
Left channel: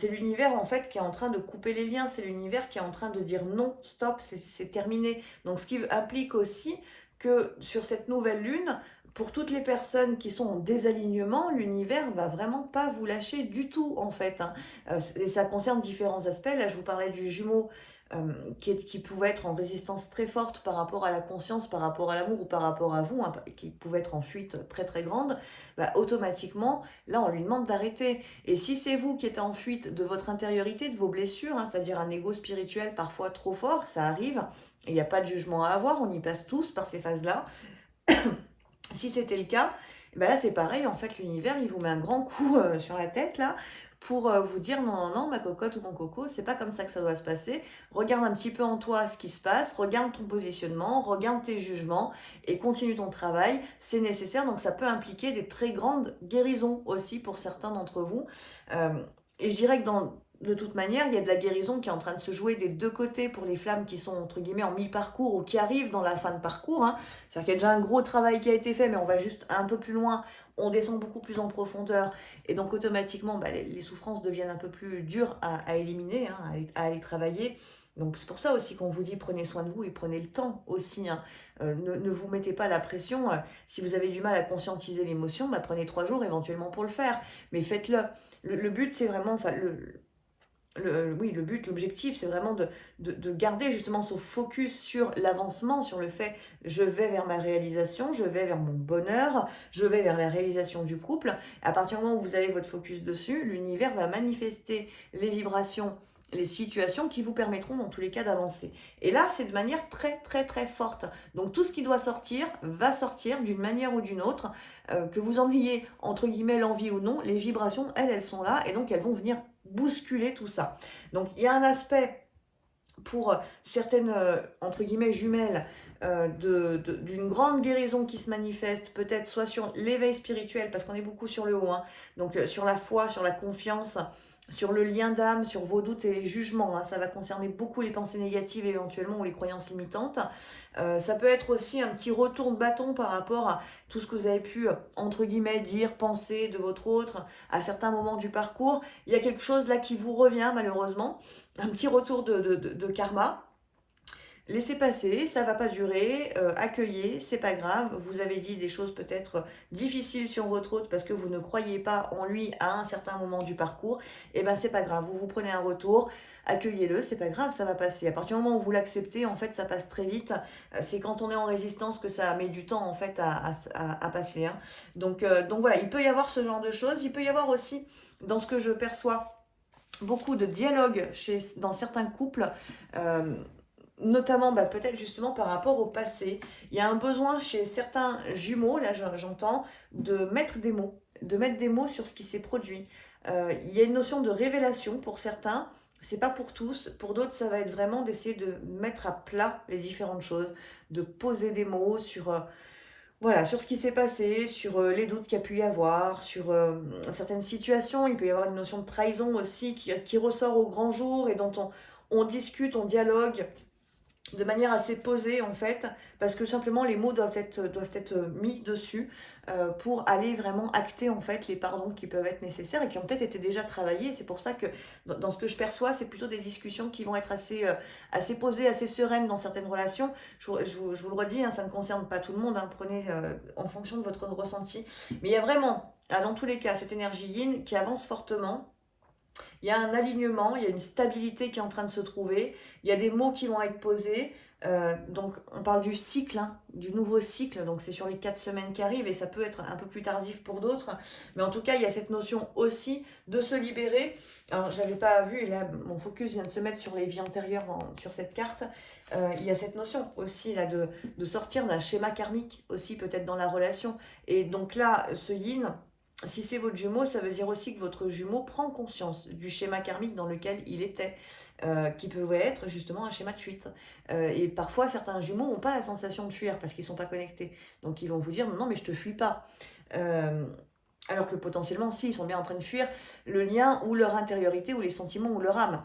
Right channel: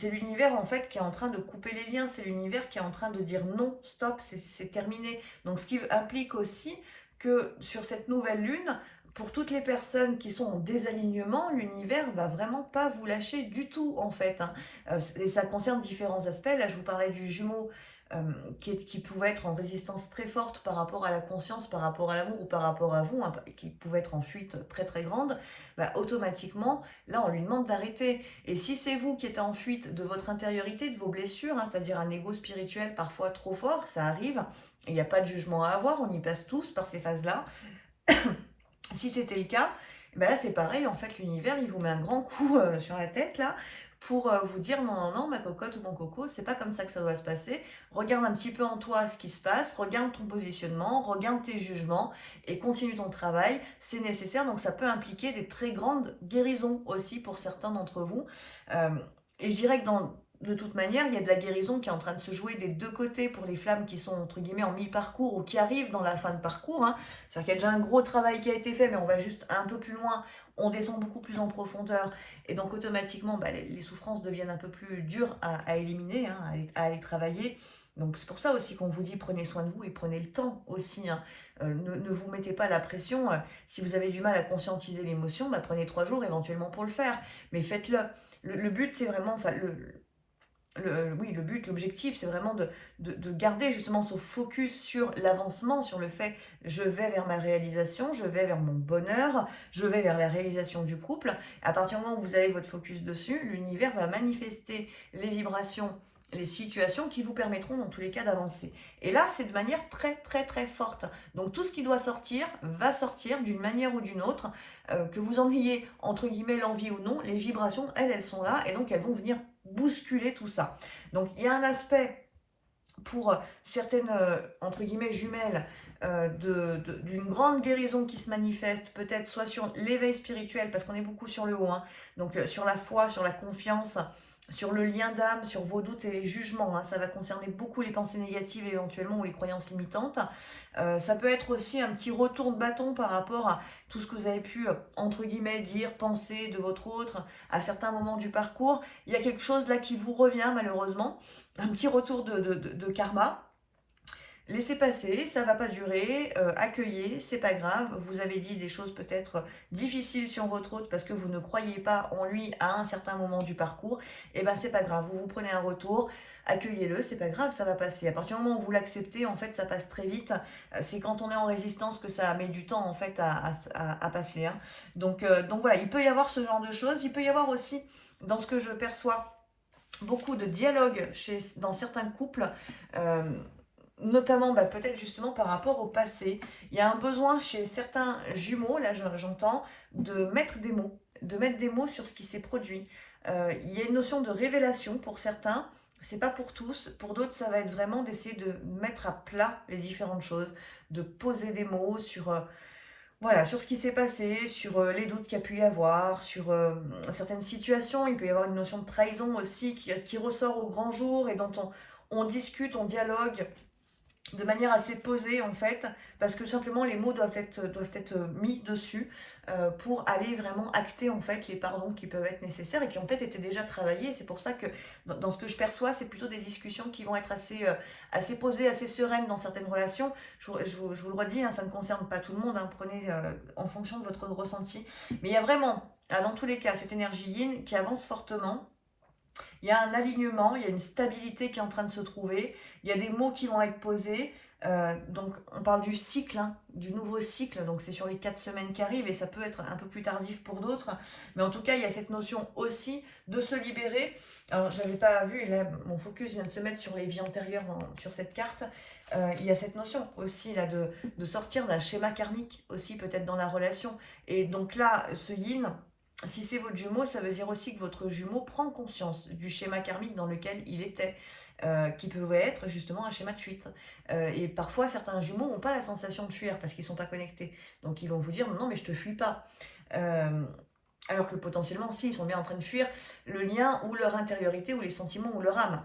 l'univers en fait qui est en train de couper les liens, c'est l'univers qui est en train de dire non, stop, c'est terminé. Donc ce qui implique aussi que sur cette nouvelle lune, pour toutes les personnes qui sont en désalignement, l'univers va vraiment pas vous lâcher du tout en fait, hein. Et ça concerne différents aspects. Là, je vous parlais du jumeau qui pouvait être en résistance très forte par rapport à la conscience, par rapport à l'amour ou par rapport à vous, hein, qui pouvait être en fuite très très grande, bah, automatiquement, là on lui demande d'arrêter. Et si c'est vous qui êtes en fuite de votre intériorité, de vos blessures, hein, c'est-à-dire un ego spirituel parfois trop fort, ça arrive, il n'y a pas de jugement à avoir, on y passe tous par ces phases-là. Si c'était le cas, bah là c'est pareil, en fait l'univers il vous met un grand coup sur la tête là, pour vous dire non, non, non, ma cocotte ou mon coco, c'est pas comme ça que ça doit se passer. Regarde un petit peu en toi ce qui se passe, regarde ton positionnement, regarde tes jugements et continue ton travail. C'est nécessaire, donc ça peut impliquer des très grandes guérisons aussi pour certains d'entre vous. Et je dirais que de toute manière, il y a de la guérison qui est en train de se jouer des deux côtés pour les flammes qui sont entre guillemets en mi-parcours ou qui arrivent dans la fin de parcours, hein. C'est-à-dire qu'il y a déjà un gros travail qui a été fait, mais on va juste un peu plus loin, on descend beaucoup plus en profondeur. Et donc automatiquement, bah, les souffrances deviennent un peu plus dures à éliminer, hein, à aller travailler. Donc c'est pour ça aussi qu'on vous dit prenez soin de vous et prenez le temps aussi, hein. Ne vous mettez pas la pression. Si vous avez du mal à conscientiser l'émotion, bah, prenez 3 jours éventuellement pour le faire. Mais faites-le. Le but c'est vraiment, enfin le but, l'objectif, c'est vraiment de garder justement ce focus sur l'avancement, sur le fait je vais vers ma réalisation, je vais vers mon bonheur, je vais vers la réalisation du couple. À partir du moment où vous avez votre focus dessus, l'univers va manifester les vibrations les situations qui vous permettront dans tous les cas d'avancer. Et là, c'est de manière très très très forte. Donc tout ce qui doit sortir va sortir d'une manière ou d'une autre, que vous en ayez entre guillemets l'envie ou non, les vibrations, elles sont là et donc elles vont venir bousculer tout ça. Donc il y a un aspect pour certaines, entre guillemets, jumelles, d'une grande guérison qui se manifeste, peut-être soit sur l'éveil spirituel, parce qu'on est beaucoup sur le haut, hein, donc sur la foi, sur la confiance, sur le lien d'âme, sur vos doutes et les jugements, hein, ça va concerner beaucoup les pensées négatives éventuellement ou les croyances limitantes. Ça peut être aussi un petit retour de bâton par rapport à tout ce que vous avez pu, entre guillemets, dire, penser de votre autre à certains moments du parcours. Il y a quelque chose là qui vous revient malheureusement, un petit retour de karma. Laissez passer, ça va pas durer, accueillez, c'est pas grave. Vous avez dit des choses peut-être difficiles sur votre autre parce que vous ne croyez pas en lui à un certain moment du parcours. Et ben c'est pas grave, vous prenez un retour, accueillez-le, c'est pas grave, ça va passer. À partir du moment où vous l'acceptez, en fait, ça passe très vite. C'est quand on est en résistance que ça met du temps en fait à passer, hein. Donc voilà, il peut y avoir ce genre de choses. Il peut y avoir aussi, dans ce que je perçois, beaucoup de dialogue dans certains couples. Notamment peut-être justement par rapport au passé. Il y a un besoin chez certains jumeaux, là j'entends, de mettre des mots sur ce qui s'est produit. Il y a une notion de révélation pour certains, c'est pas pour tous. Pour d'autres, ça va être vraiment d'essayer de mettre à plat les différentes choses, de poser des mots sur, voilà, sur ce qui s'est passé, sur les doutes qu'il y a pu y avoir, sur certaines situations. Il peut y avoir une notion de trahison aussi qui ressort au grand jour et dont on discute, on dialogue de manière assez posée en fait, parce que simplement les mots doivent être mis dessus pour aller vraiment acter en fait les pardons qui peuvent être nécessaires et qui ont peut-être été déjà travaillés. C'est pour ça que dans ce que je perçois, c'est plutôt des discussions qui vont être assez posées, assez sereines dans certaines relations. Je vous le redis, hein, ça ne concerne pas tout le monde, hein, prenez en fonction de votre ressenti. Mais il y a vraiment, dans tous les cas, cette énergie yin qui avance fortement. Il y a un alignement, il y a une stabilité qui est en train de se trouver, il y a des mots qui vont être posés. Donc on parle du cycle, hein, du nouveau cycle, donc c'est sur les 4 semaines qui arrivent et ça peut être un peu plus tardif pour d'autres, mais en tout cas il y a cette notion aussi de se libérer. Alors j'avais pas vu, et là mon focus vient de se mettre sur les vies antérieures sur cette carte. Il y a cette notion aussi là de sortir d'un schéma karmique aussi peut-être dans la relation, et donc là ce yin, si c'est votre jumeau, ça veut dire aussi que votre jumeau prend conscience du schéma karmique dans lequel il était, qui pouvait être justement un schéma de fuite. Et parfois, certains jumeaux n'ont pas la sensation de fuir parce qu'ils ne sont pas connectés. Donc, ils vont vous dire, non, mais je ne te fuis pas. Alors que potentiellement, si, ils sont bien en train de fuir le lien ou leur intériorité ou les sentiments ou leur âme.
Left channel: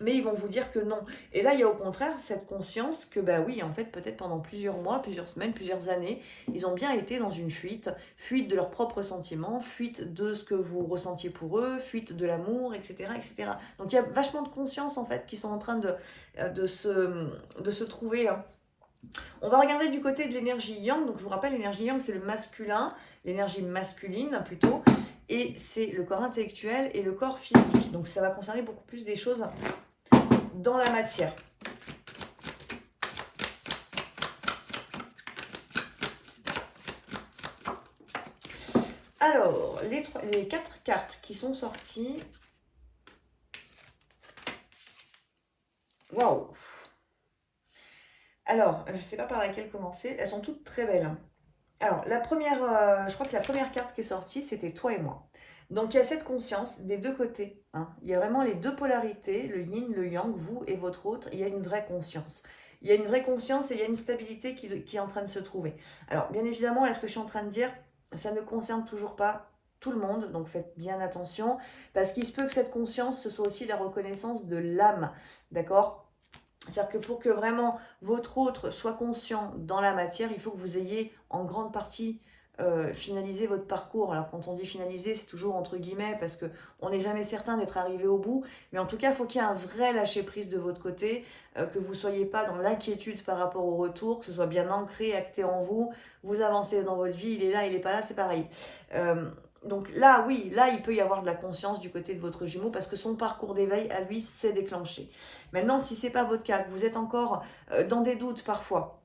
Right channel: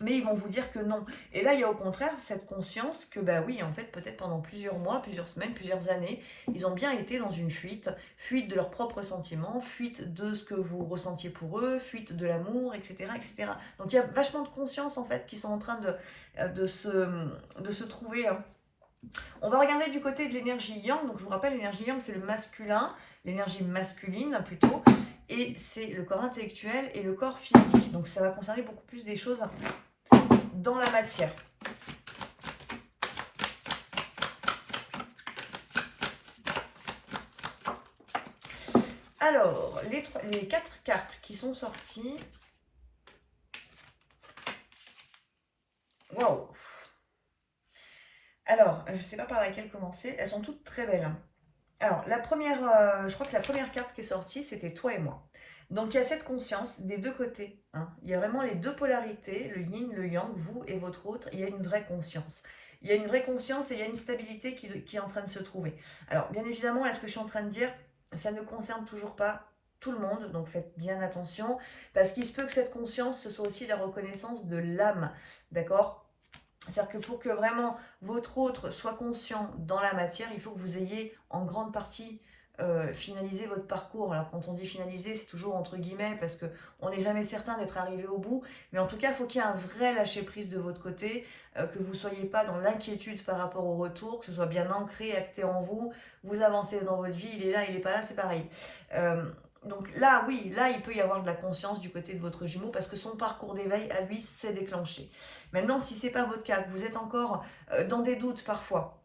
Mais ils vont vous dire que non. Et là, il y a au contraire cette conscience que, bah oui, en fait, peut-être pendant plusieurs mois, plusieurs semaines, plusieurs années, ils ont bien été dans une fuite de leurs propres sentiments, fuite de ce que vous ressentiez pour eux, fuite de l'amour, etc., etc. Donc, il y a vachement de conscience, en fait, qui sont en train de se trouver, hein. On va regarder du côté de l'énergie yang. Donc, je vous rappelle, l'énergie yang, c'est le masculin, l'énergie masculine, plutôt. Et c'est le corps intellectuel et le corps physique. Donc, ça va concerner beaucoup plus des choses dans la matière. Alors, les 4 cartes qui sont sorties. Waouh! Alors, je ne sais pas par laquelle commencer. Elles sont toutes très belles, hein. Alors, la première, je crois que la première carte qui est sortie, c'était toi et moi. Donc, il y a cette conscience des deux côtés, hein. Il y a vraiment les deux polarités, le yin, le yang, vous et votre autre. Il y a une vraie conscience. Il y a une vraie conscience et il y a une stabilité qui est en train de se trouver. Alors, bien évidemment, là, ce que je suis en train de dire, ça ne concerne toujours pas tout le monde. Donc, faites bien attention. Parce qu'il se peut que cette conscience, ce soit aussi la reconnaissance de l'âme. D'accord ? C'est-à-dire que pour que vraiment votre autre soit conscient dans la matière, il faut que vous ayez en grande partie finalisé votre parcours. Alors quand on dit finaliser, c'est toujours entre guillemets parce qu'on n'est jamais certain d'être arrivé au bout. Mais en tout cas, il faut qu'il y ait un vrai lâcher-prise de votre côté, que vous ne soyez pas dans l'inquiétude par rapport au retour, que ce soit bien ancré, acté en vous. Vous avancez dans votre vie, il est là, il n'est pas là, c'est pareil. Donc là, oui, là, il peut y avoir de la conscience du côté de votre jumeau parce que son parcours d'éveil, à lui, s'est déclenché. Maintenant, si ce n'est pas votre cas, que vous êtes encore dans des doutes parfois,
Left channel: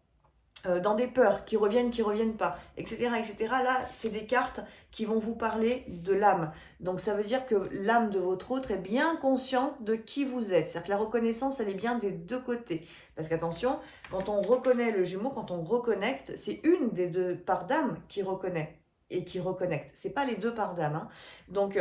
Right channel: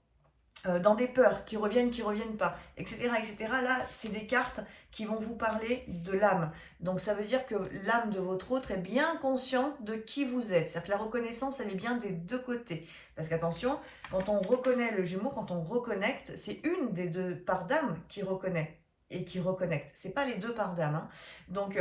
dans des peurs qui reviennent pas, etc., etc. Là, c'est des cartes qui vont vous parler de l'âme. Donc, ça veut dire que l'âme de votre autre est bien consciente de qui vous êtes. C'est-à-dire que la reconnaissance, elle est bien des deux côtés. Parce qu'attention, quand on reconnaît le Gémeaux, quand on reconnecte, c'est une des deux parts d'âme qui reconnaît et qui reconnecte. C'est pas les deux parts d'âme, hein. Donc,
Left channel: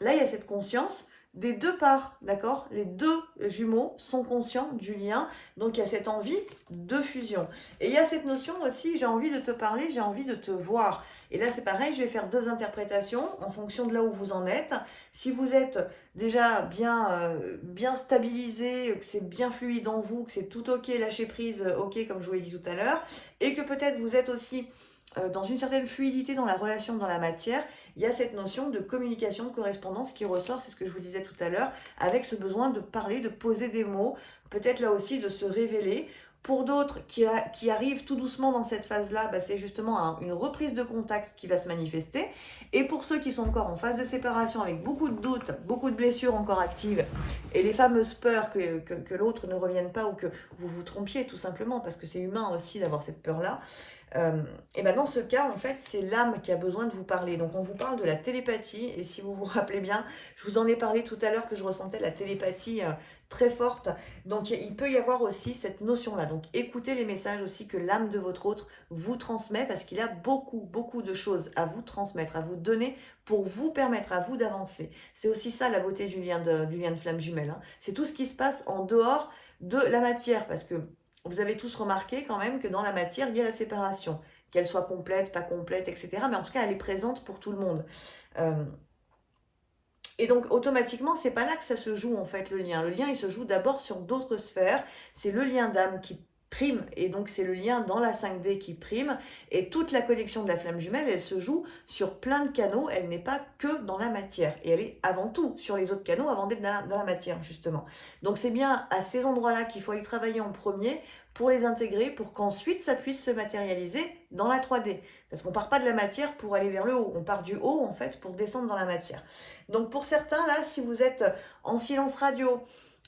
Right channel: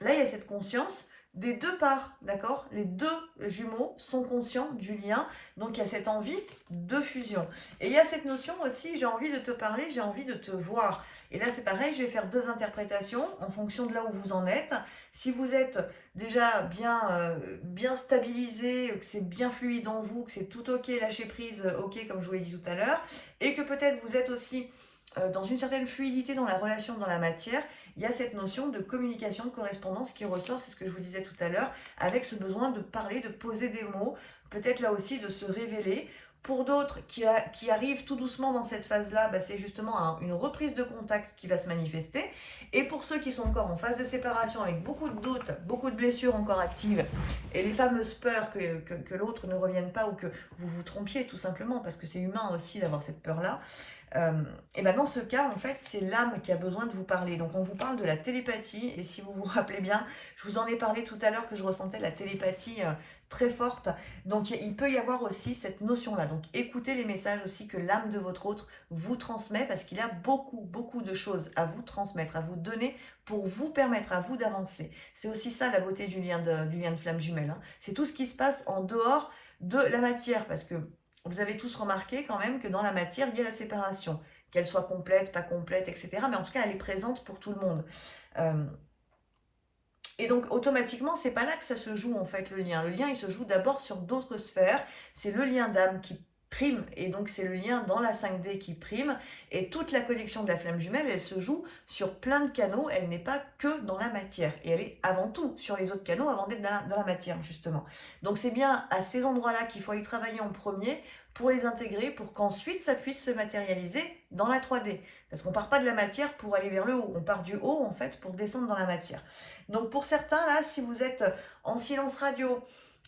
là, il y a cette conscience des deux parts, d'accord? Les deux jumeaux sont conscients du lien, donc il y a cette envie de fusion. Et il y a cette notion aussi, j'ai envie de te parler, j'ai envie de te voir. Et là, c'est pareil, je vais faire deux interprétations en fonction de là où vous en êtes. Si vous êtes déjà bien stabilisé, que c'est bien fluide en vous, que c'est tout ok, lâcher prise, ok, comme je vous l'ai dit tout à l'heure, et que peut-être vous êtes aussi dans une certaine fluidité dans la relation, dans la matière, il y a cette notion de communication, de correspondance qui ressort, c'est ce que je vous disais tout à l'heure, avec ce besoin de parler, de poser des mots, peut-être là aussi de se révéler. Pour d'autres qui arrivent tout doucement dans cette phase-là, bah, c'est justement une reprise de contact qui va se manifester. Et pour ceux qui sont encore en phase de séparation avec beaucoup de doutes, beaucoup de blessures encore actives, et les fameuses peurs que l'autre ne revienne pas ou que vous vous trompiez tout simplement, parce que c'est humain aussi d'avoir cette peur-là, et ben dans ce cas, en fait, c'est l'âme qui a besoin de vous parler. Donc, on vous parle de la télépathie. Et si vous vous rappelez bien, je vous en ai parlé tout à l'heure que je ressentais la télépathie très forte. Donc, il peut y avoir aussi cette notion-là. Donc, écoutez les messages aussi que l'âme de votre autre vous transmet parce qu'il a beaucoup, beaucoup de choses à vous transmettre, à vous donner pour vous permettre à vous d'avancer. C'est aussi ça la beauté du lien de flamme jumelle, hein. C'est tout ce qui se passe en dehors de la matière parce que vous avez tous remarqué quand même que dans la matière, il y a la séparation, qu'elle soit complète, pas complète, etc. Mais en tout cas, elle est présente pour tout le monde. Et donc, automatiquement, c'est pas là que ça se joue, en fait, le lien. Le lien, il se joue d'abord sur d'autres sphères. C'est le lien d'âme qui prime, et donc c'est le lien dans la 5D qui prime. Et toute la connexion de la flamme jumelle, elle se joue sur plein de canaux. Elle n'est pas que dans la matière. Et elle est avant tout sur les autres canaux avant d'être dans la matière, justement. Donc, c'est bien à ces endroits-là qu'il faut y travailler en premier pour les intégrer, pour qu'ensuite ça puisse se matérialiser dans la 3D. Parce qu'on ne part pas de la matière pour aller vers le haut, on part du haut en fait pour descendre dans la matière. Donc pour certains là, si vous êtes en silence radio,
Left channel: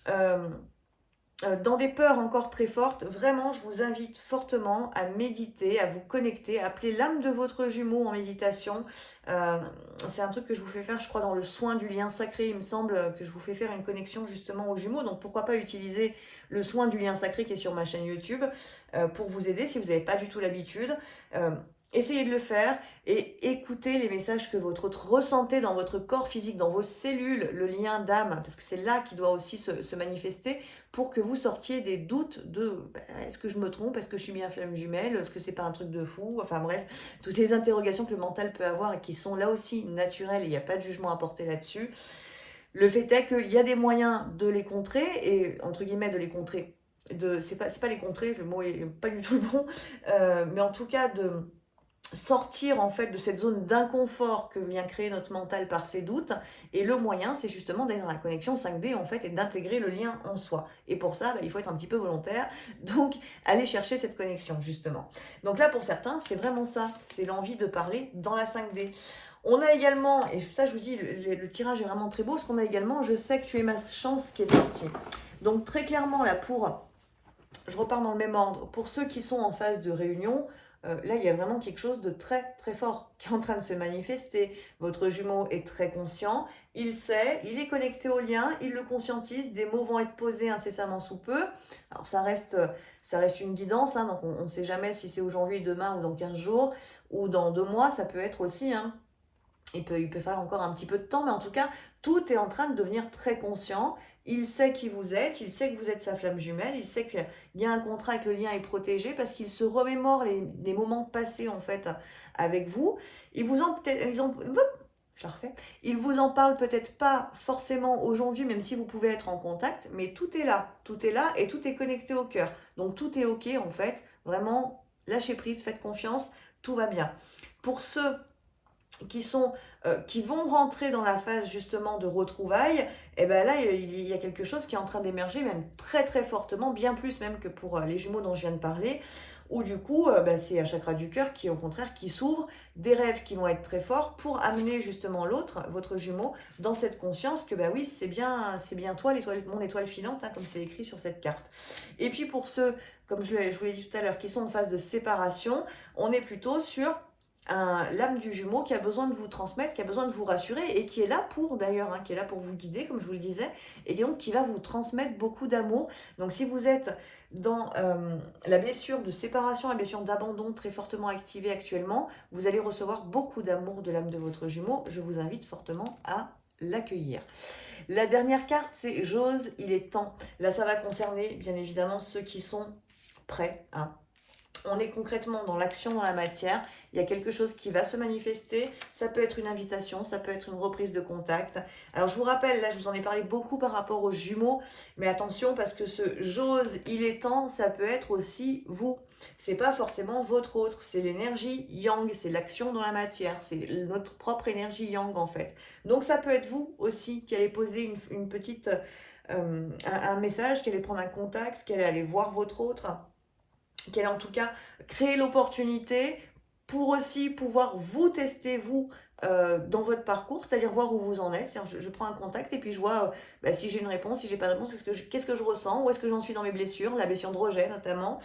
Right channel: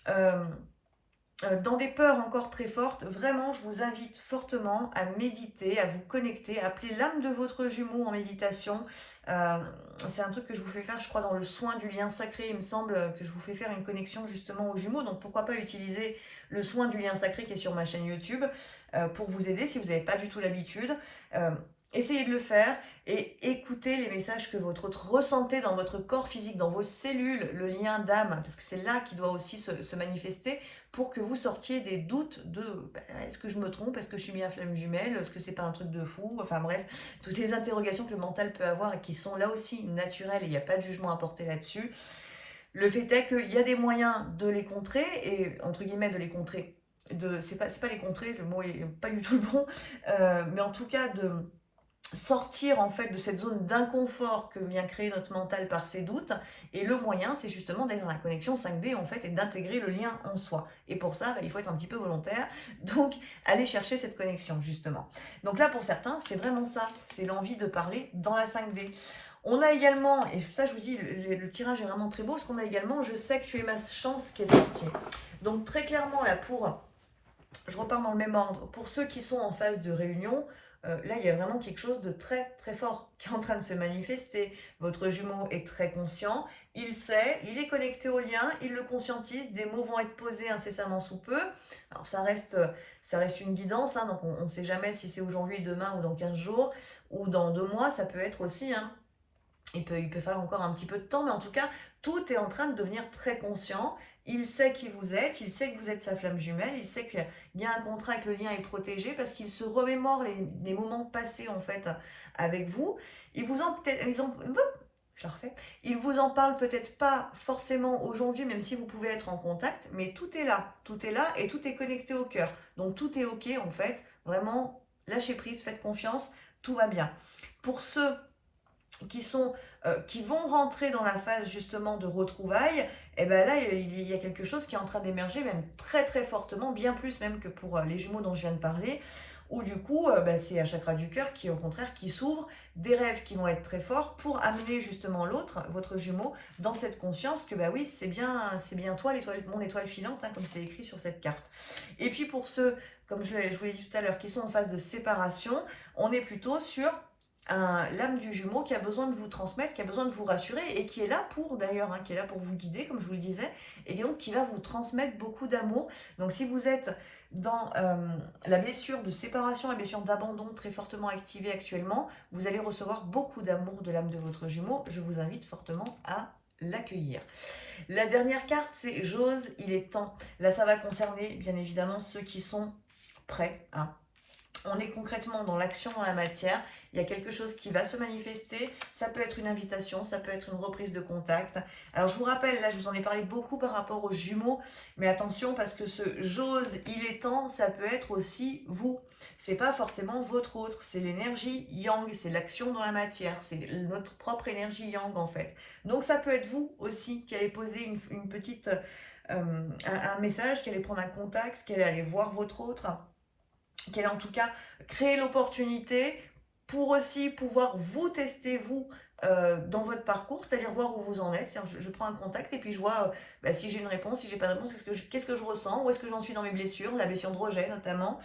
dans des peurs encore très fortes, vraiment je vous invite fortement à méditer, à vous connecter, à appeler l'âme de votre jumeau en méditation. C'est un truc que je vous fais faire, je crois, dans le soin du lien sacré, il me semble que je vous fais faire une connexion justement aux jumeaux, donc pourquoi pas utiliser le soin du lien sacré qui est sur ma chaîne YouTube pour vous aider si vous n'avez pas du tout l'habitude. Essayez de le faire et écoutez les messages que votre autre ressentez dans votre corps physique, dans vos cellules, le lien d'âme, parce que c'est là qui doit aussi se manifester pour que vous sortiez des doutes de est-ce que je me trompe, est-ce que je suis bien flamme jumelle, est-ce que c'est pas un truc de fou, enfin bref, toutes les interrogations que le mental peut avoir et qui sont là aussi naturelles, il n'y a pas de jugement à porter là-dessus. Le fait est qu'il y a des moyens de les contrer, et entre guillemets de les contrer, c'est pas les contrer, le mot est pas du tout bon, mais en tout cas de sortir en fait de cette zone d'inconfort que vient créer notre mental par ses doutes, et le moyen c'est justement d'être dans la connexion 5D en fait et d'intégrer le lien en soi, et pour ça il faut être un petit peu volontaire, donc aller chercher cette connexion justement. Donc là pour certains c'est vraiment ça, c'est l'envie de parler dans la 5D. On a également, et ça je vous dis, le tirage est vraiment très beau, parce qu'on a également je sais que tu es ma chance qui est sortie. Donc très clairement là je repars dans le même ordre, pour ceux qui sont en phase de réunion, là, il y a vraiment quelque chose de très, très fort qui est en train de se manifester. Votre jumeau est très conscient, il sait, il est connecté au lien, il le conscientise, des mots vont être posés incessamment sous peu. Alors, ça reste une guidance, hein, donc on ne sait jamais si c'est aujourd'hui, demain ou dans 15 jours ou dans 2 mois, ça peut être aussi, hein. Il peut falloir encore un petit peu de temps, mais en tout cas, tout est en train de devenir très conscient. Il sait qui vous êtes, il sait que vous êtes sa flamme jumelle, il sait qu'il y a un contrat et que le lien est protégé parce qu'il se remémore les moments passés en fait avec vous. Il vous en parle peut-être pas forcément aujourd'hui, même si vous pouvez être en contact, mais tout est là et tout est connecté au cœur. Donc tout est ok en fait, vraiment lâchez prise, faites confiance, tout va bien. Pour ceux qui vont rentrer dans la phase justement de retrouvailles, et bien là il y a quelque chose qui est en train d'émerger même très très fortement, bien plus même que pour les jumeaux dont je viens de parler, ou du coup, c'est un chakra du cœur qui, au contraire, qui s'ouvre, des rêves qui vont être très forts pour amener justement l'autre, votre jumeau, dans cette conscience que, bah oui, c'est bien toi, mon étoile filante, hein, comme c'est écrit sur cette carte. Et puis pour ceux, comme je vous l'ai dit tout à l'heure, qui sont en phase de séparation, on est plutôt sur l'âme du jumeau qui a besoin de vous transmettre, qui a besoin de vous rassurer et qui est là pour d'ailleurs, hein, qui est là pour vous guider, comme je vous le disais, et donc qui va vous transmettre beaucoup d'amour. Donc si vous êtes dans la blessure de séparation, la blessure d'abandon très fortement activée actuellement, vous allez recevoir beaucoup d'amour de l'âme de votre jumeau. Je vous invite fortement à l'accueillir. La dernière carte, c'est j'ose, il est temps. Là, ça va concerner bien évidemment ceux qui sont prêts, hein. On est concrètement dans l'action, dans la matière. Il y a quelque chose qui va se manifester. Ça peut être une invitation, ça peut être une reprise de contact. Alors je vous rappelle, là je vous en ai parlé beaucoup par rapport aux jumeaux, mais attention parce que ce j'ose, il est temps, ça peut être aussi vous. C'est pas forcément votre autre, c'est l'énergie yang, c'est l'action dans la matière, c'est notre propre énergie yang en fait. Donc ça peut être vous aussi qui allez poser une petite, un message, qui allez prendre un contact, qui allez aller voir votre autre, qu'elle en tout cas créer l'opportunité pour aussi pouvoir vous tester, vous, dans votre parcours, c'est-à-dire voir où vous en êtes. Je prends un contact et puis je vois si j'ai une réponse, si j'ai pas de réponse, qu'est-ce que je ressens, où est-ce que j'en suis dans mes blessures, la blessure de rejet notamment,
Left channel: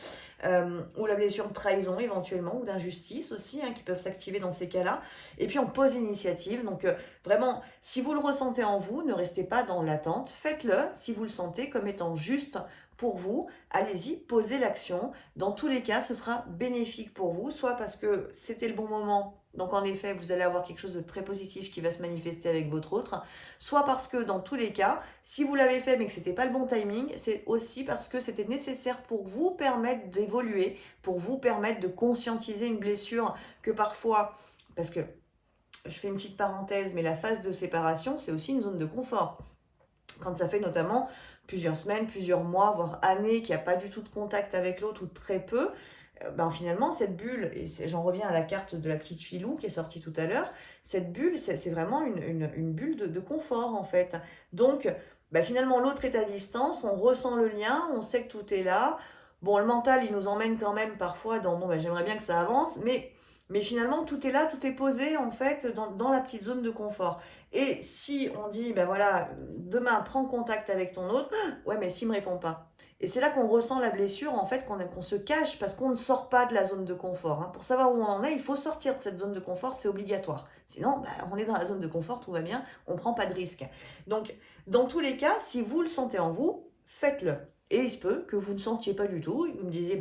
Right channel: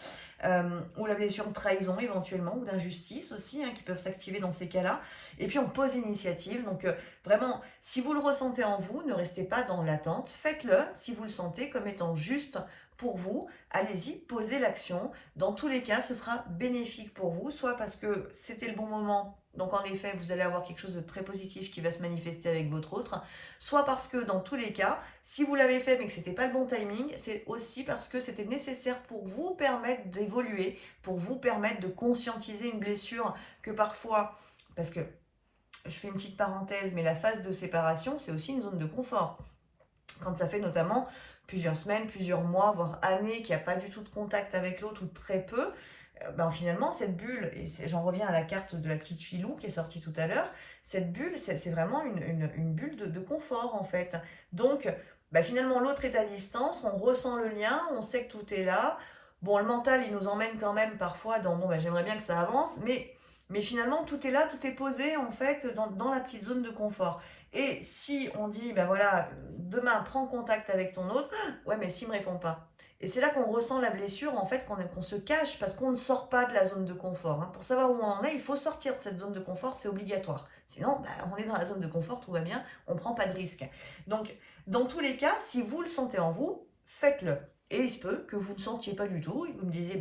ou la blessure de trahison éventuellement, ou d'injustice aussi, hein, qui peuvent s'activer dans ces cas-là. Et puis on pose l'initiative, donc vraiment, si vous le ressentez en vous, ne restez pas dans l'attente, faites-le si vous le sentez comme étant juste pour vous, allez-y, posez l'action. Dans tous les cas, ce sera bénéfique pour vous, soit parce que c'était le bon moment, donc en effet, vous allez avoir quelque chose de très positif qui va se manifester avec votre autre, soit parce que dans tous les cas, si vous l'avez fait mais que ce n'était pas le bon timing, c'est aussi parce que c'était nécessaire pour vous permettre d'évoluer, pour vous permettre de conscientiser une blessure que parfois, parce que je fais une petite parenthèse, mais la phase de séparation, c'est aussi une zone de confort. Quand ça fait notamment plusieurs semaines, plusieurs mois, voire années qu'il n'y a pas du tout de contact avec l'autre ou très peu, finalement cette bulle, et j'en reviens à la carte de la petite filou qui est sortie tout à l'heure, cette bulle, c'est vraiment une bulle de confort en fait. Donc finalement l'autre est à distance, on ressent le lien, on sait que tout est là. Bon, le mental, il nous emmène quand même parfois dans, j'aimerais bien que ça avance, mais finalement, tout est là, tout est posé en fait dans la petite zone de confort. Et si on dit, voilà, demain, prends contact avec ton autre, ouais, mais s'il ne me répond pas. Et c'est là qu'on ressent la blessure, en fait, qu'on se cache parce qu'on ne sort pas de la zone de confort, hein. Pour savoir où on en est, il faut sortir de cette zone de confort, c'est obligatoire. Sinon, on est dans la zone de confort, tout va bien, on ne prend pas de risque. Donc, dans tous les cas, si vous le sentez en vous, faites-le. Et il se peut que vous ne sentiez pas du tout, vous me disiez,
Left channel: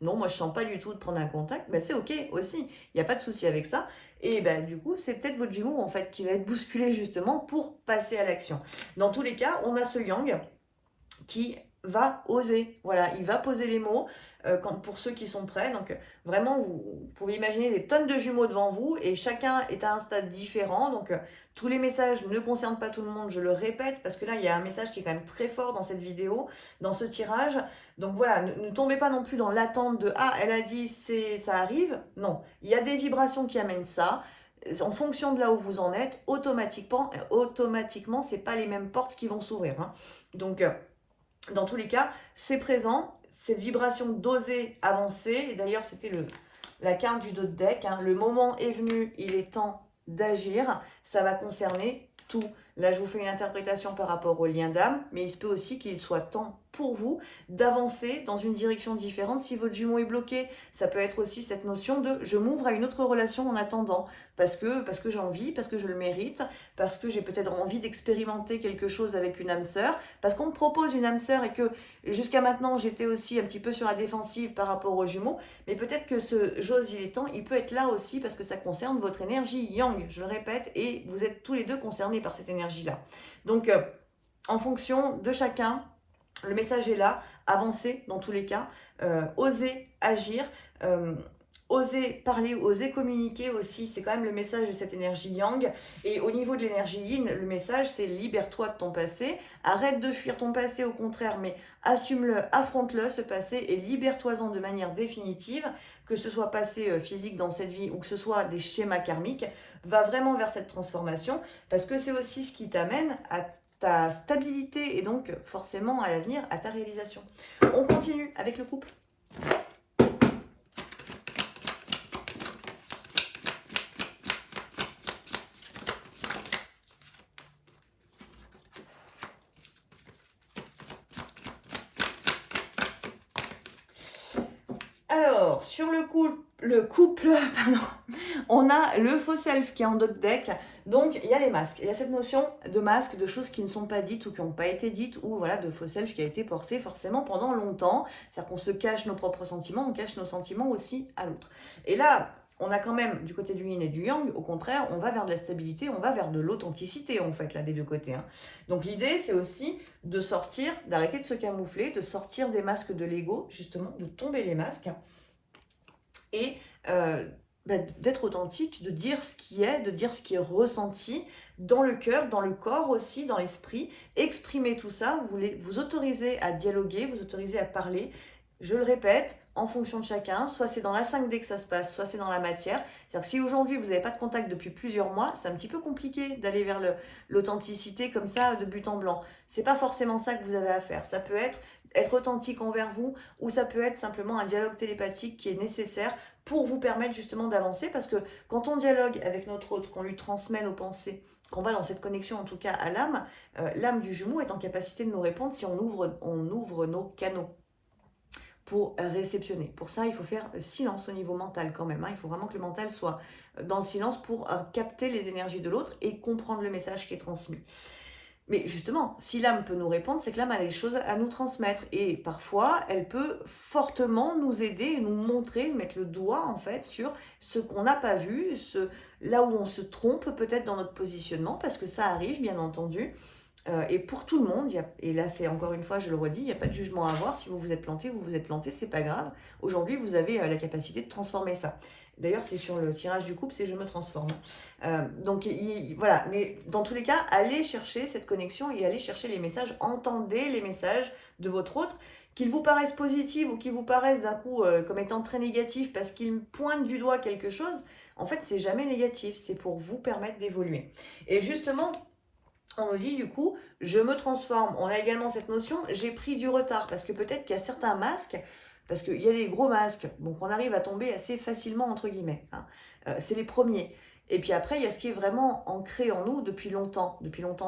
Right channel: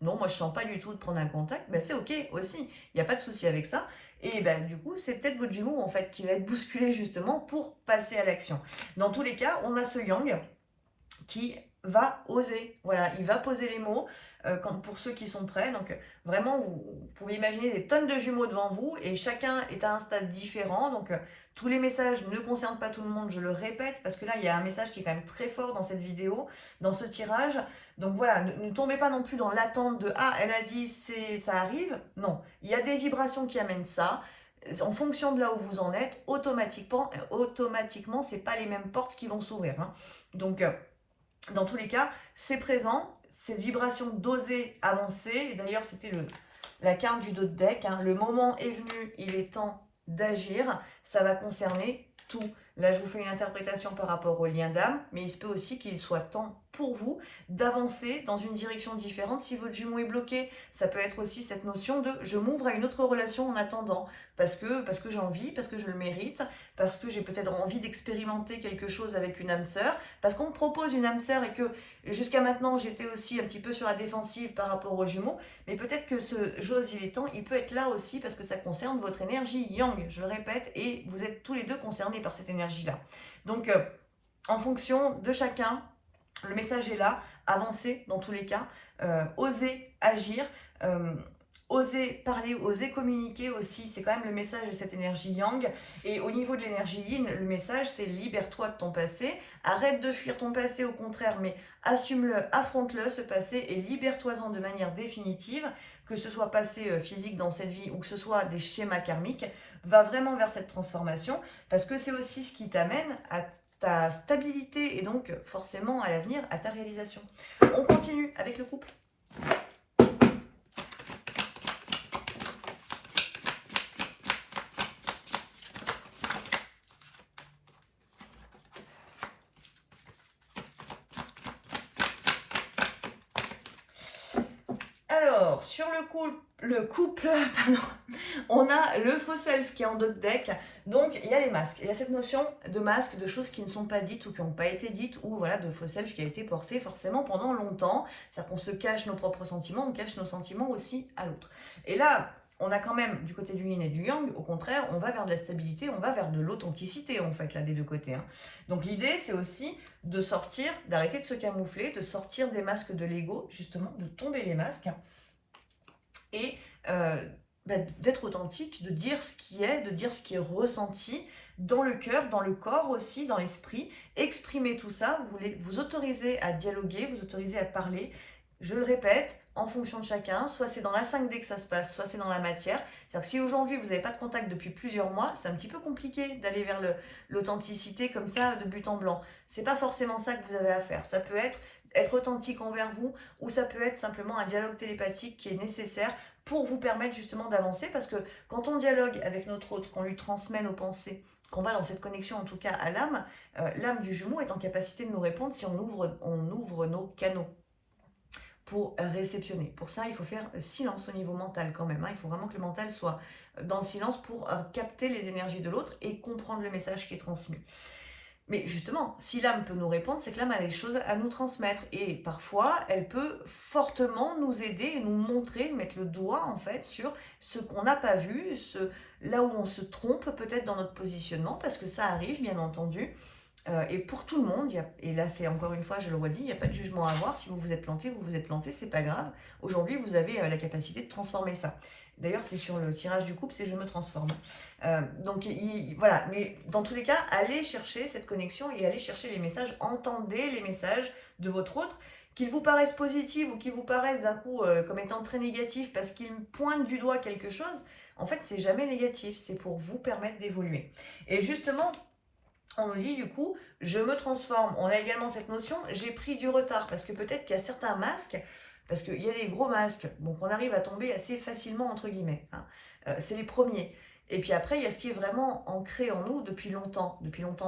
non, moi je sens pas du tout de prendre un contact, c'est ok aussi, il n'y a pas de souci avec ça. Et du coup, c'est peut-être votre jumeau en fait qui va être bousculé justement pour passer à l'action. Dans tous les cas, on a ce yang qui va oser, voilà, il va poser les mots pour ceux qui sont prêts. Donc vraiment, vous pouvez imaginer des tonnes de jumeaux devant vous et chacun est à un stade différent. Donc tous les messages ne concernent pas tout le monde, je le répète, parce que là, il y a un message qui est quand même très fort dans cette vidéo, dans ce tirage. Donc voilà, ne tombez pas non plus dans l'attente de « Ah, elle a dit, ça arrive ». Non, il y a des vibrations qui amènent ça. En fonction de là où vous en êtes, automatiquement c'est pas les mêmes portes qui vont s'ouvrir, hein. Donc, dans tous les cas, c'est présent, cette vibration d'oser avancer. Et d'ailleurs, c'était la carte du dos de deck, hein. Le moment est venu, il est temps d'agir. Ça va concerner tout. Là, je vous fais une interprétation par rapport au lien d'âme, mais il se peut aussi qu'il soit temps pour vous d'avancer dans une direction différente. Si votre jumeau est bloqué, ça peut être aussi cette notion de « je m'ouvre à une autre relation en attendant ». Parce que j'ai envie, parce que je le mérite, parce que j'ai peut-être envie d'expérimenter quelque chose avec une âme sœur, parce qu'on me propose une âme sœur et que jusqu'à maintenant j'étais aussi un petit peu sur la défensive par rapport aux jumeaux, mais peut-être que ce j'ose il est temps, il peut être là aussi parce que ça concerne votre énergie yang, je le répète, et vous êtes tous les deux concernés par cette énergie-là. Donc en fonction de chacun, le message est là, avancez dans tous les cas, osez agir, oser parler, oser communiquer aussi, c'est quand même le message de cette énergie yang. Et au niveau de l'énergie yin, le message c'est libère-toi de ton passé, arrête de fuir ton passé, au contraire, mais assume-le, affronte-le, ce passé, et libère-toi-en de manière définitive, que ce soit passé physique dans cette vie ou que ce soit des schémas karmiques, va vraiment vers cette transformation, parce que c'est aussi ce qui t'amène à ta stabilité et donc forcément à l'avenir, à ta réalisation. On continue avec le couple. Alors, sur le couple, pardon, on a le faux self qui est en d'autres deck. Donc, il y a les masques. Il y a cette notion de masque, de choses qui ne sont pas dites ou qui n'ont pas été dites, ou voilà, de faux self qui a été porté forcément pendant longtemps. C'est-à-dire qu'on se cache nos propres sentiments, on cache nos sentiments aussi à l'autre. Et là, on a quand même du côté du yin et du yang, au contraire, on va vers de la stabilité, on va vers de l'authenticité en fait, là, des deux côtés. Hein. Donc l'idée, c'est aussi de sortir, d'arrêter de se camoufler, de sortir des masques de l'ego, justement, de tomber les masques, et d'être authentique, de dire ce qui est, de dire ce qui est ressenti, dans le cœur, dans le corps aussi, dans l'esprit, exprimer tout ça, vous autorisez à dialoguer, vous autorisez à parler, je le répète, en fonction de chacun, soit c'est dans la 5D que ça se passe, soit c'est dans la matière. C'est-à-dire que si aujourd'hui vous n'avez pas de contact depuis plusieurs mois, c'est un petit peu compliqué d'aller vers l'authenticité comme ça de but en blanc. C'est pas forcément ça que vous avez à faire. Ça peut être authentique envers vous, ou ça peut être simplement un dialogue télépathique qui est nécessaire pour vous permettre justement d'avancer, parce que quand on dialogue avec notre autre, qu'on lui transmet nos pensées, qu'on va dans cette connexion en tout cas à l'âme, l'âme du jumeau est en capacité de nous répondre si on ouvre nos canaux pour réceptionner. Pour ça, il faut faire silence au niveau mental quand même. Hein. Il faut vraiment que le mental soit dans le silence pour capter les énergies de l'autre et comprendre le message qui est transmis. Mais justement, si l'âme peut nous répondre, c'est que l'âme a des choses à nous transmettre. Et parfois, elle peut fortement nous aider et nous montrer, mettre le doigt en fait sur ce qu'on n'a pas vu, là où on se trompe peut-être dans notre positionnement, parce que ça arrive bien entendu. Et pour tout le monde, et là c'est encore une fois, je le redis, il n'y a pas de jugement à avoir. Si vous vous êtes planté, c'est pas grave. Aujourd'hui, vous avez la capacité de transformer ça. D'ailleurs, c'est sur le tirage du couple, c'est je me transforme. Donc voilà, mais dans tous les cas, allez chercher cette connexion et allez chercher les messages, entendez les messages de votre autre, qu'ils vous paraissent positifs ou qu'ils vous paraissent d'un coup comme étant très négatifs parce qu'ils pointent du doigt quelque chose. En fait, c'est jamais négatif, c'est pour vous permettre d'évoluer. Et justement, on nous dit du coup, je me transforme. On a également cette notion, j'ai pris du retard, parce que peut-être qu'il y a certains masques, parce qu'il y a les gros masques, donc on arrive à tomber assez facilement, entre guillemets. Hein. C'est les premiers. Et puis après, il y a ce qui est vraiment ancré en nous depuis longtemps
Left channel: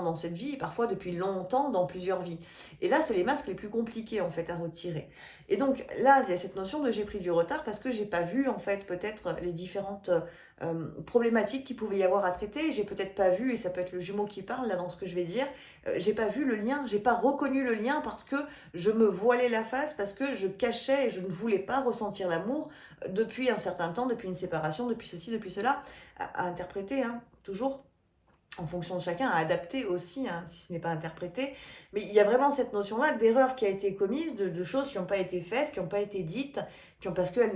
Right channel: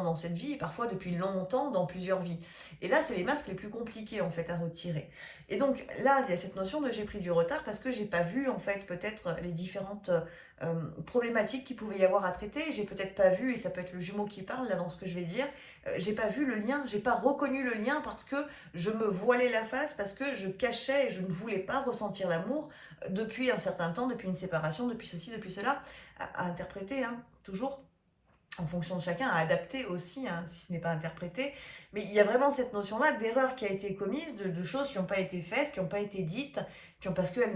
dans cette vie, et parfois depuis longtemps dans plusieurs vies. Et là, c'est les masques les plus compliqués en fait à retirer. Et donc là, il y a cette notion de j'ai pris du retard parce que j'ai pas vu en fait peut-être les différentes problématiques qu'il pouvait y avoir à traiter. J'ai peut-être pas vu, et ça peut être le jumeau qui parle là dans ce que je vais dire, j'ai pas vu le lien, j'ai pas reconnu le lien parce que je me voilais la face, parce que je cachais et je ne voulais pas ressentir l'amour depuis un certain temps, depuis une séparation, depuis ceci, depuis cela, à interpréter, hein, toujours en fonction de chacun, à adapter aussi, hein, si ce n'est pas interprété. Mais il y a vraiment cette notion-là d'erreur qui a été commise, de choses qui n'ont pas été faites, qui n'ont pas été dites, parce qu'elles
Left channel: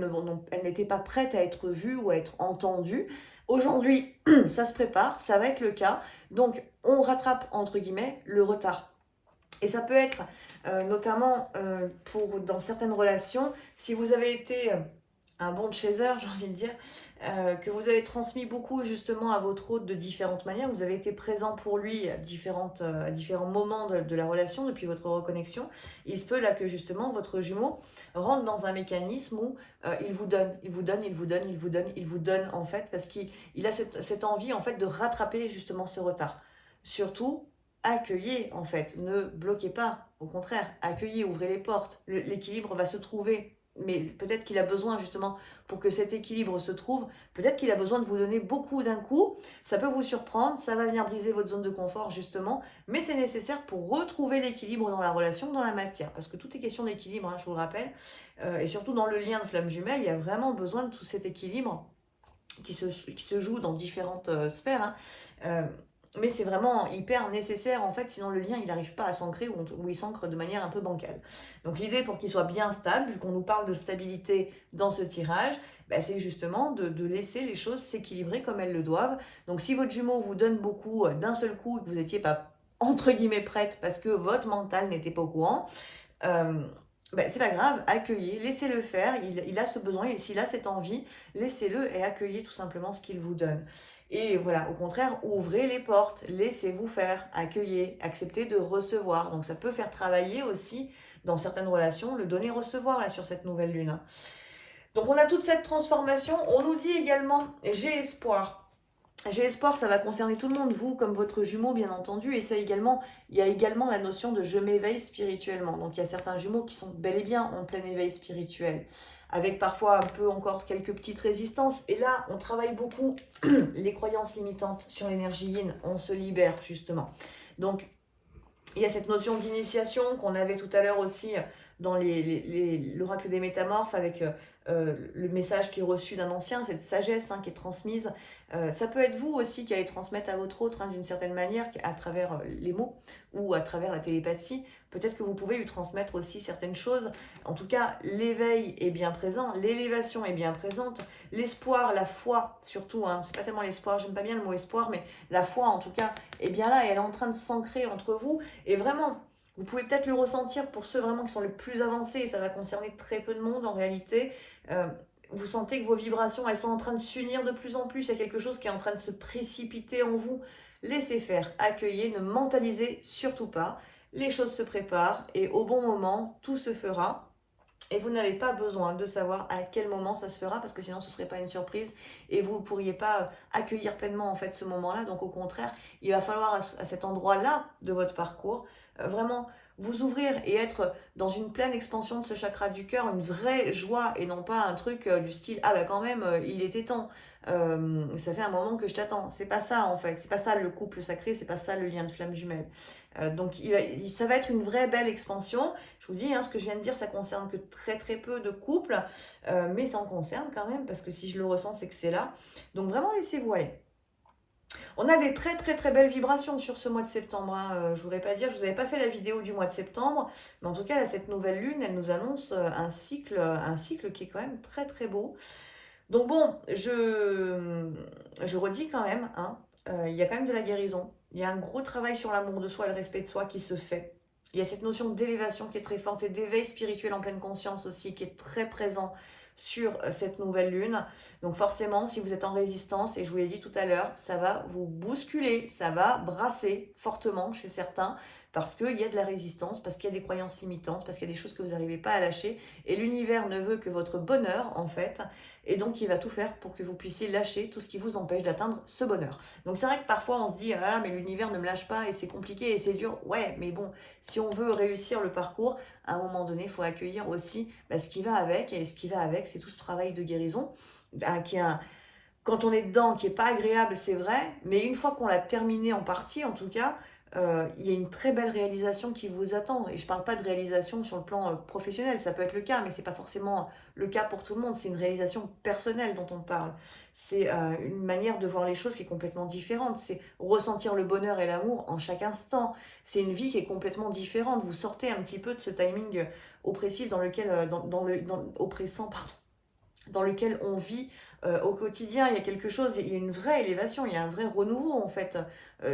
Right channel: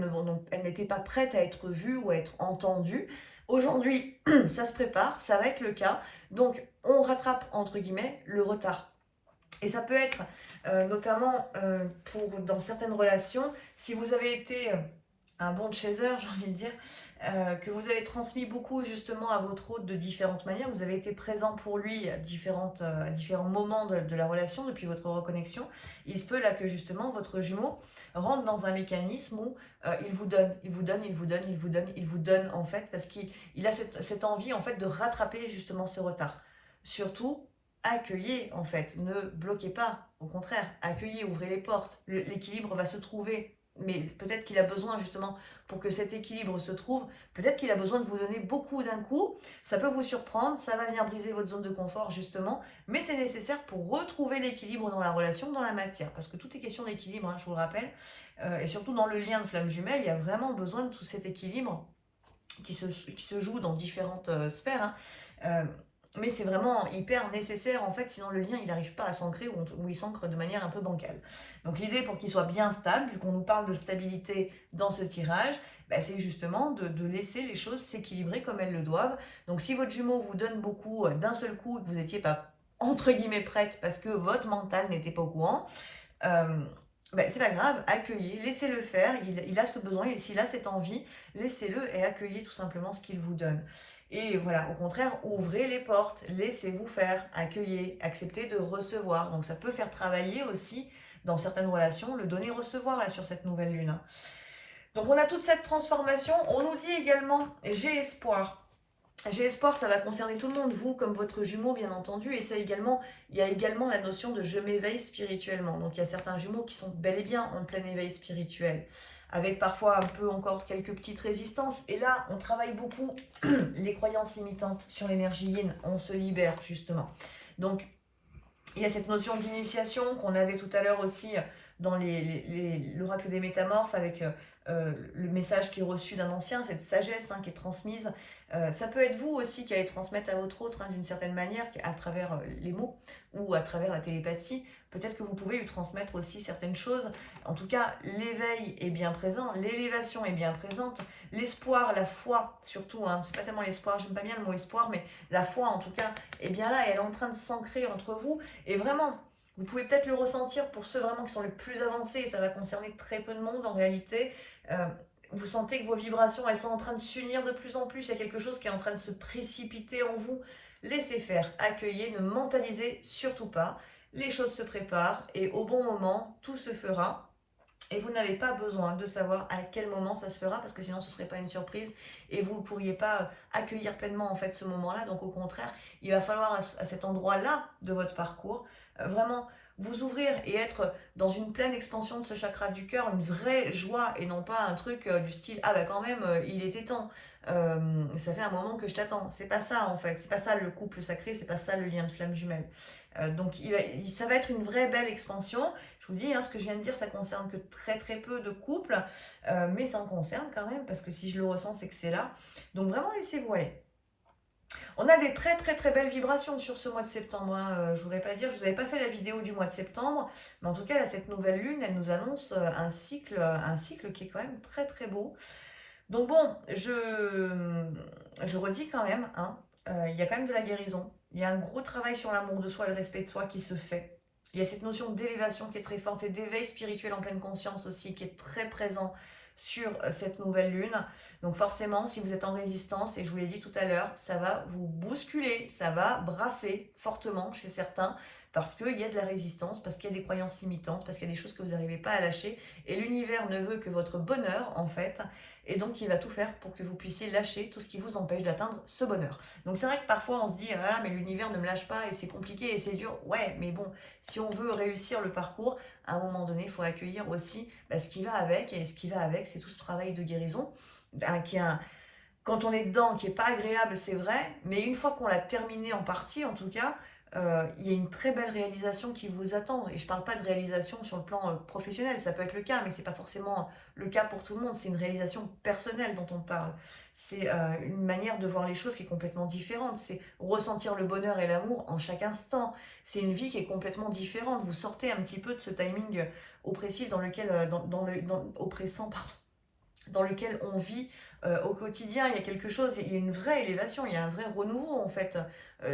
n'étaient pas prêtes à être vues ou à être entendues. Aujourd'hui, ça se prépare, ça va être le cas. Donc, on rattrape, entre guillemets, le retard. Et ça peut être notamment dans certaines relations, si vous avez été un bon chaser, j'ai envie de dire, que vous avez transmis beaucoup justement à votre hôte de différentes manières, vous avez été présent pour lui à différents moments de la relation depuis votre reconnexion, il se peut là que justement votre jumeau rentre dans un mécanisme où il vous donne en fait, parce qu'il a cette envie en fait de rattraper justement ce retard. Surtout, accueillez en fait, ne bloquez pas, au contraire, accueillez, ouvrez les portes, l'équilibre va se trouver. Mais peut-être qu'il a besoin justement, pour que cet équilibre se trouve, peut-être qu'il a besoin de vous donner beaucoup d'un coup, ça peut vous surprendre, ça va venir briser votre zone de confort justement, mais c'est nécessaire pour retrouver l'équilibre dans la relation, dans la matière, parce que tout est question d'équilibre, hein, je vous le rappelle, et surtout dans le lien de flamme jumelle, il y a vraiment besoin de tout cet équilibre qui se joue dans différentes sphères, hein. Mais c'est vraiment hyper nécessaire en fait, sinon le lien il n'arrive pas à s'ancrer ou il s'ancre de manière un peu bancale. Donc l'idée pour qu'il soit bien stable, vu qu'on nous parle de stabilité dans ce tirage, bah, c'est justement de laisser les choses s'équilibrer comme elles le doivent. Donc si votre jumeau vous donne beaucoup d'un seul coup et que vous n'étiez pas entre guillemets prête parce que votre mental n'était pas au courant, ben, c'est pas grave, accueillez, laissez-le faire, il a ce besoin, s'il a cette envie, laissez-le et accueillez tout simplement ce qu'il vous donne. Et voilà, au contraire, ouvrez les portes, laissez-vous faire, accueillez, acceptez de recevoir. Donc ça peut faire travailler aussi, dans certaines relations, le donner-recevoir là sur cette nouvelle lune. Donc on a toute cette transformation. On nous dit également, j'ai espoir. J'ai espoir, ça va concerner tout le monde, vous comme votre jumeau bien entendu, et il y a également la notion de je m'éveille spirituellement. Donc il y a certains jumeaux qui sont bel et bien en plein éveil spirituel. avec parfois un peu encore quelques petites résistances. Et là, on travaille beaucoup les croyances limitantes sur l'énergie yin, on se libère justement. Donc, il y a cette notion d'initiation qu'on avait tout à l'heure aussi dans l'oracle des métamorphes avec le message qui est reçu d'un ancien, cette sagesse qui est transmise. Ça peut être vous aussi qui allez transmettre à votre autre d'une certaine manière, à travers les mots ou à travers la télépathie. Peut-être que vous pouvez lui transmettre aussi certaines choses. En tout cas, l'éveil est bien présent, l'élévation est bien présente, l'espoir, la foi surtout, c'est pas tellement l'espoir, j'aime pas bien le mot espoir, mais la foi en tout cas est bien là et elle est en train de s'ancrer entre vous. Et vraiment, vous pouvez peut-être le ressentir pour ceux vraiment qui sont les plus avancés, et ça va concerner très peu de monde en réalité. Vous sentez que vos vibrations, elles sont en train de s'unir de plus en plus, il y a quelque chose qui est en train de se précipiter en vous. Laissez faire, accueillez, ne mentalisez surtout pas. Les choses se préparent et au bon moment, tout se fera. Et vous n'avez pas besoin de savoir à quel moment ça se fera parce que sinon ce ne serait pas une surprise et vous ne pourriez pas accueillir pleinement en fait ce moment-là. Donc au contraire, il va falloir à cet endroit-là de votre parcours vraiment vous ouvrir et être dans une pleine expansion de ce chakra du cœur, une vraie joie et non pas un truc du style « Ah bah quand même, il était temps, ça fait un moment que je t'attends ». C'est pas ça en fait, c'est pas ça le couple sacré, c'est pas ça le lien de flamme jumelle. Donc ça va être une vraie belle expansion. Je vous dis, ce que je viens de dire, ça concerne que très très peu de couples, mais ça en concerne quand même, parce que si je le ressens, c'est que c'est là. Donc vraiment, laissez-vous aller. On a des très très très belles vibrations sur ce mois de septembre. Je ne voudrais pas dire, je vous avais pas fait la vidéo du mois de septembre, mais en tout cas, là, cette nouvelle lune, elle nous annonce un cycle qui est quand même très très beau. Donc bon, je redis quand même, il y a quand même de la guérison. Il y a un gros travail sur l'amour de soi et le respect de soi qui se fait. Il y a cette notion d'élévation qui est très forte et d'éveil spirituel en pleine conscience aussi qui est très présent sur cette nouvelle lune. Donc forcément, si vous êtes en résistance, et je vous l'ai dit tout à l'heure, ça va vous bousculer, ça va brasser fortement chez certains parce qu'il y a de la résistance, parce qu'il y a des croyances limitantes, parce qu'il y a des choses que vous n'arrivez pas à lâcher. Et l'univers ne veut que votre bonheur, en fait. Et donc, il va tout faire pour que vous puissiez lâcher tout ce qui vous empêche d'atteindre ce bonheur. Donc, c'est vrai que parfois, on se dit, ah, mais l'univers ne me lâche pas et c'est compliqué et c'est dur. Ouais, mais bon, si on veut réussir le parcours, à un moment donné, il faut accueillir aussi ce qui va avec. Et ce qui va avec, c'est tout ce travail de guérison qui est quand on est dedans, qui n'est pas agréable, c'est vrai, mais une fois qu'on l'a terminé en partie, en tout cas, il y a une très belle réalisation qui vous attend. Et je ne parle pas de réalisation sur le plan professionnel, ça peut être le cas, mais ce n'est pas forcément le cas pour tout le monde. C'est une réalisation personnelle dont on parle. C'est une manière de voir les choses qui est complètement différente. C'est ressentir le bonheur et l'amour en chaque instant. C'est une vie qui est complètement différente. Vous sortez un petit peu de ce timing oppressif dans lequel, oppressant, pardon, dans lequel on vit au quotidien. Il y a quelque chose, il y a une vraie élévation, il y a un vrai renouveau en fait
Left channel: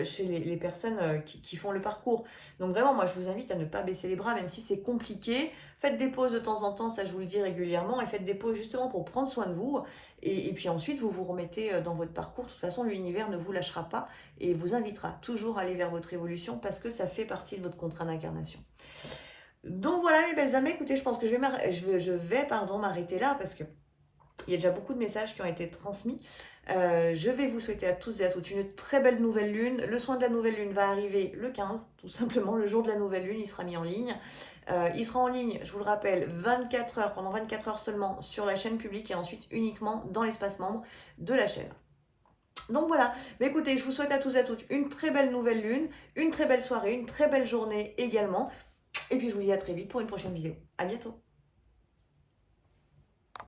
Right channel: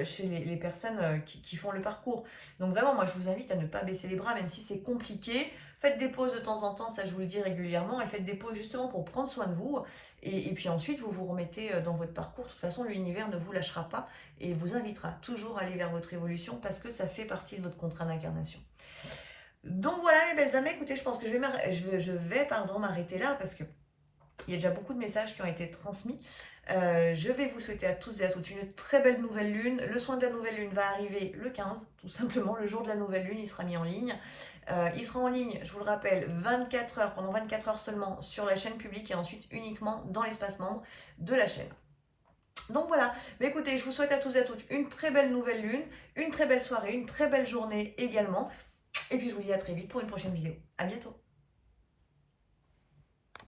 chez les personnes qui font le parcours. Donc vraiment, moi je vous invite à ne pas baisser les bras, même si c'est compliqué. Faites des pauses de temps en temps, ça je vous le dis régulièrement, et faites des pauses justement pour prendre soin de vous. Et puis ensuite, vous vous remettez dans votre parcours. De toute façon, l'univers ne vous lâchera pas et vous invitera toujours à aller vers votre évolution parce que ça fait partie de votre contrat d'incarnation. Donc voilà mes belles âmes, écoutez, je pense que je vais m'arrêter là parce que il y a déjà beaucoup de messages qui ont été transmis. Je vais vous souhaiter à tous et à toutes une très belle nouvelle lune. Le soin de la nouvelle lune va arriver le 15, tout simplement. Le jour de la nouvelle lune, il sera mis en ligne. Il sera en ligne, je vous le rappelle, 24 heures, pendant 24 heures seulement sur la chaîne publique et ensuite uniquement dans l'espace membre de la chaîne. Donc voilà, mais écoutez, je vous souhaite à tous et à toutes une très belle nouvelle lune, une très belle soirée, une très belle journée également. Et puis je vous dis à très vite pour une prochaine vidéo. À bientôt.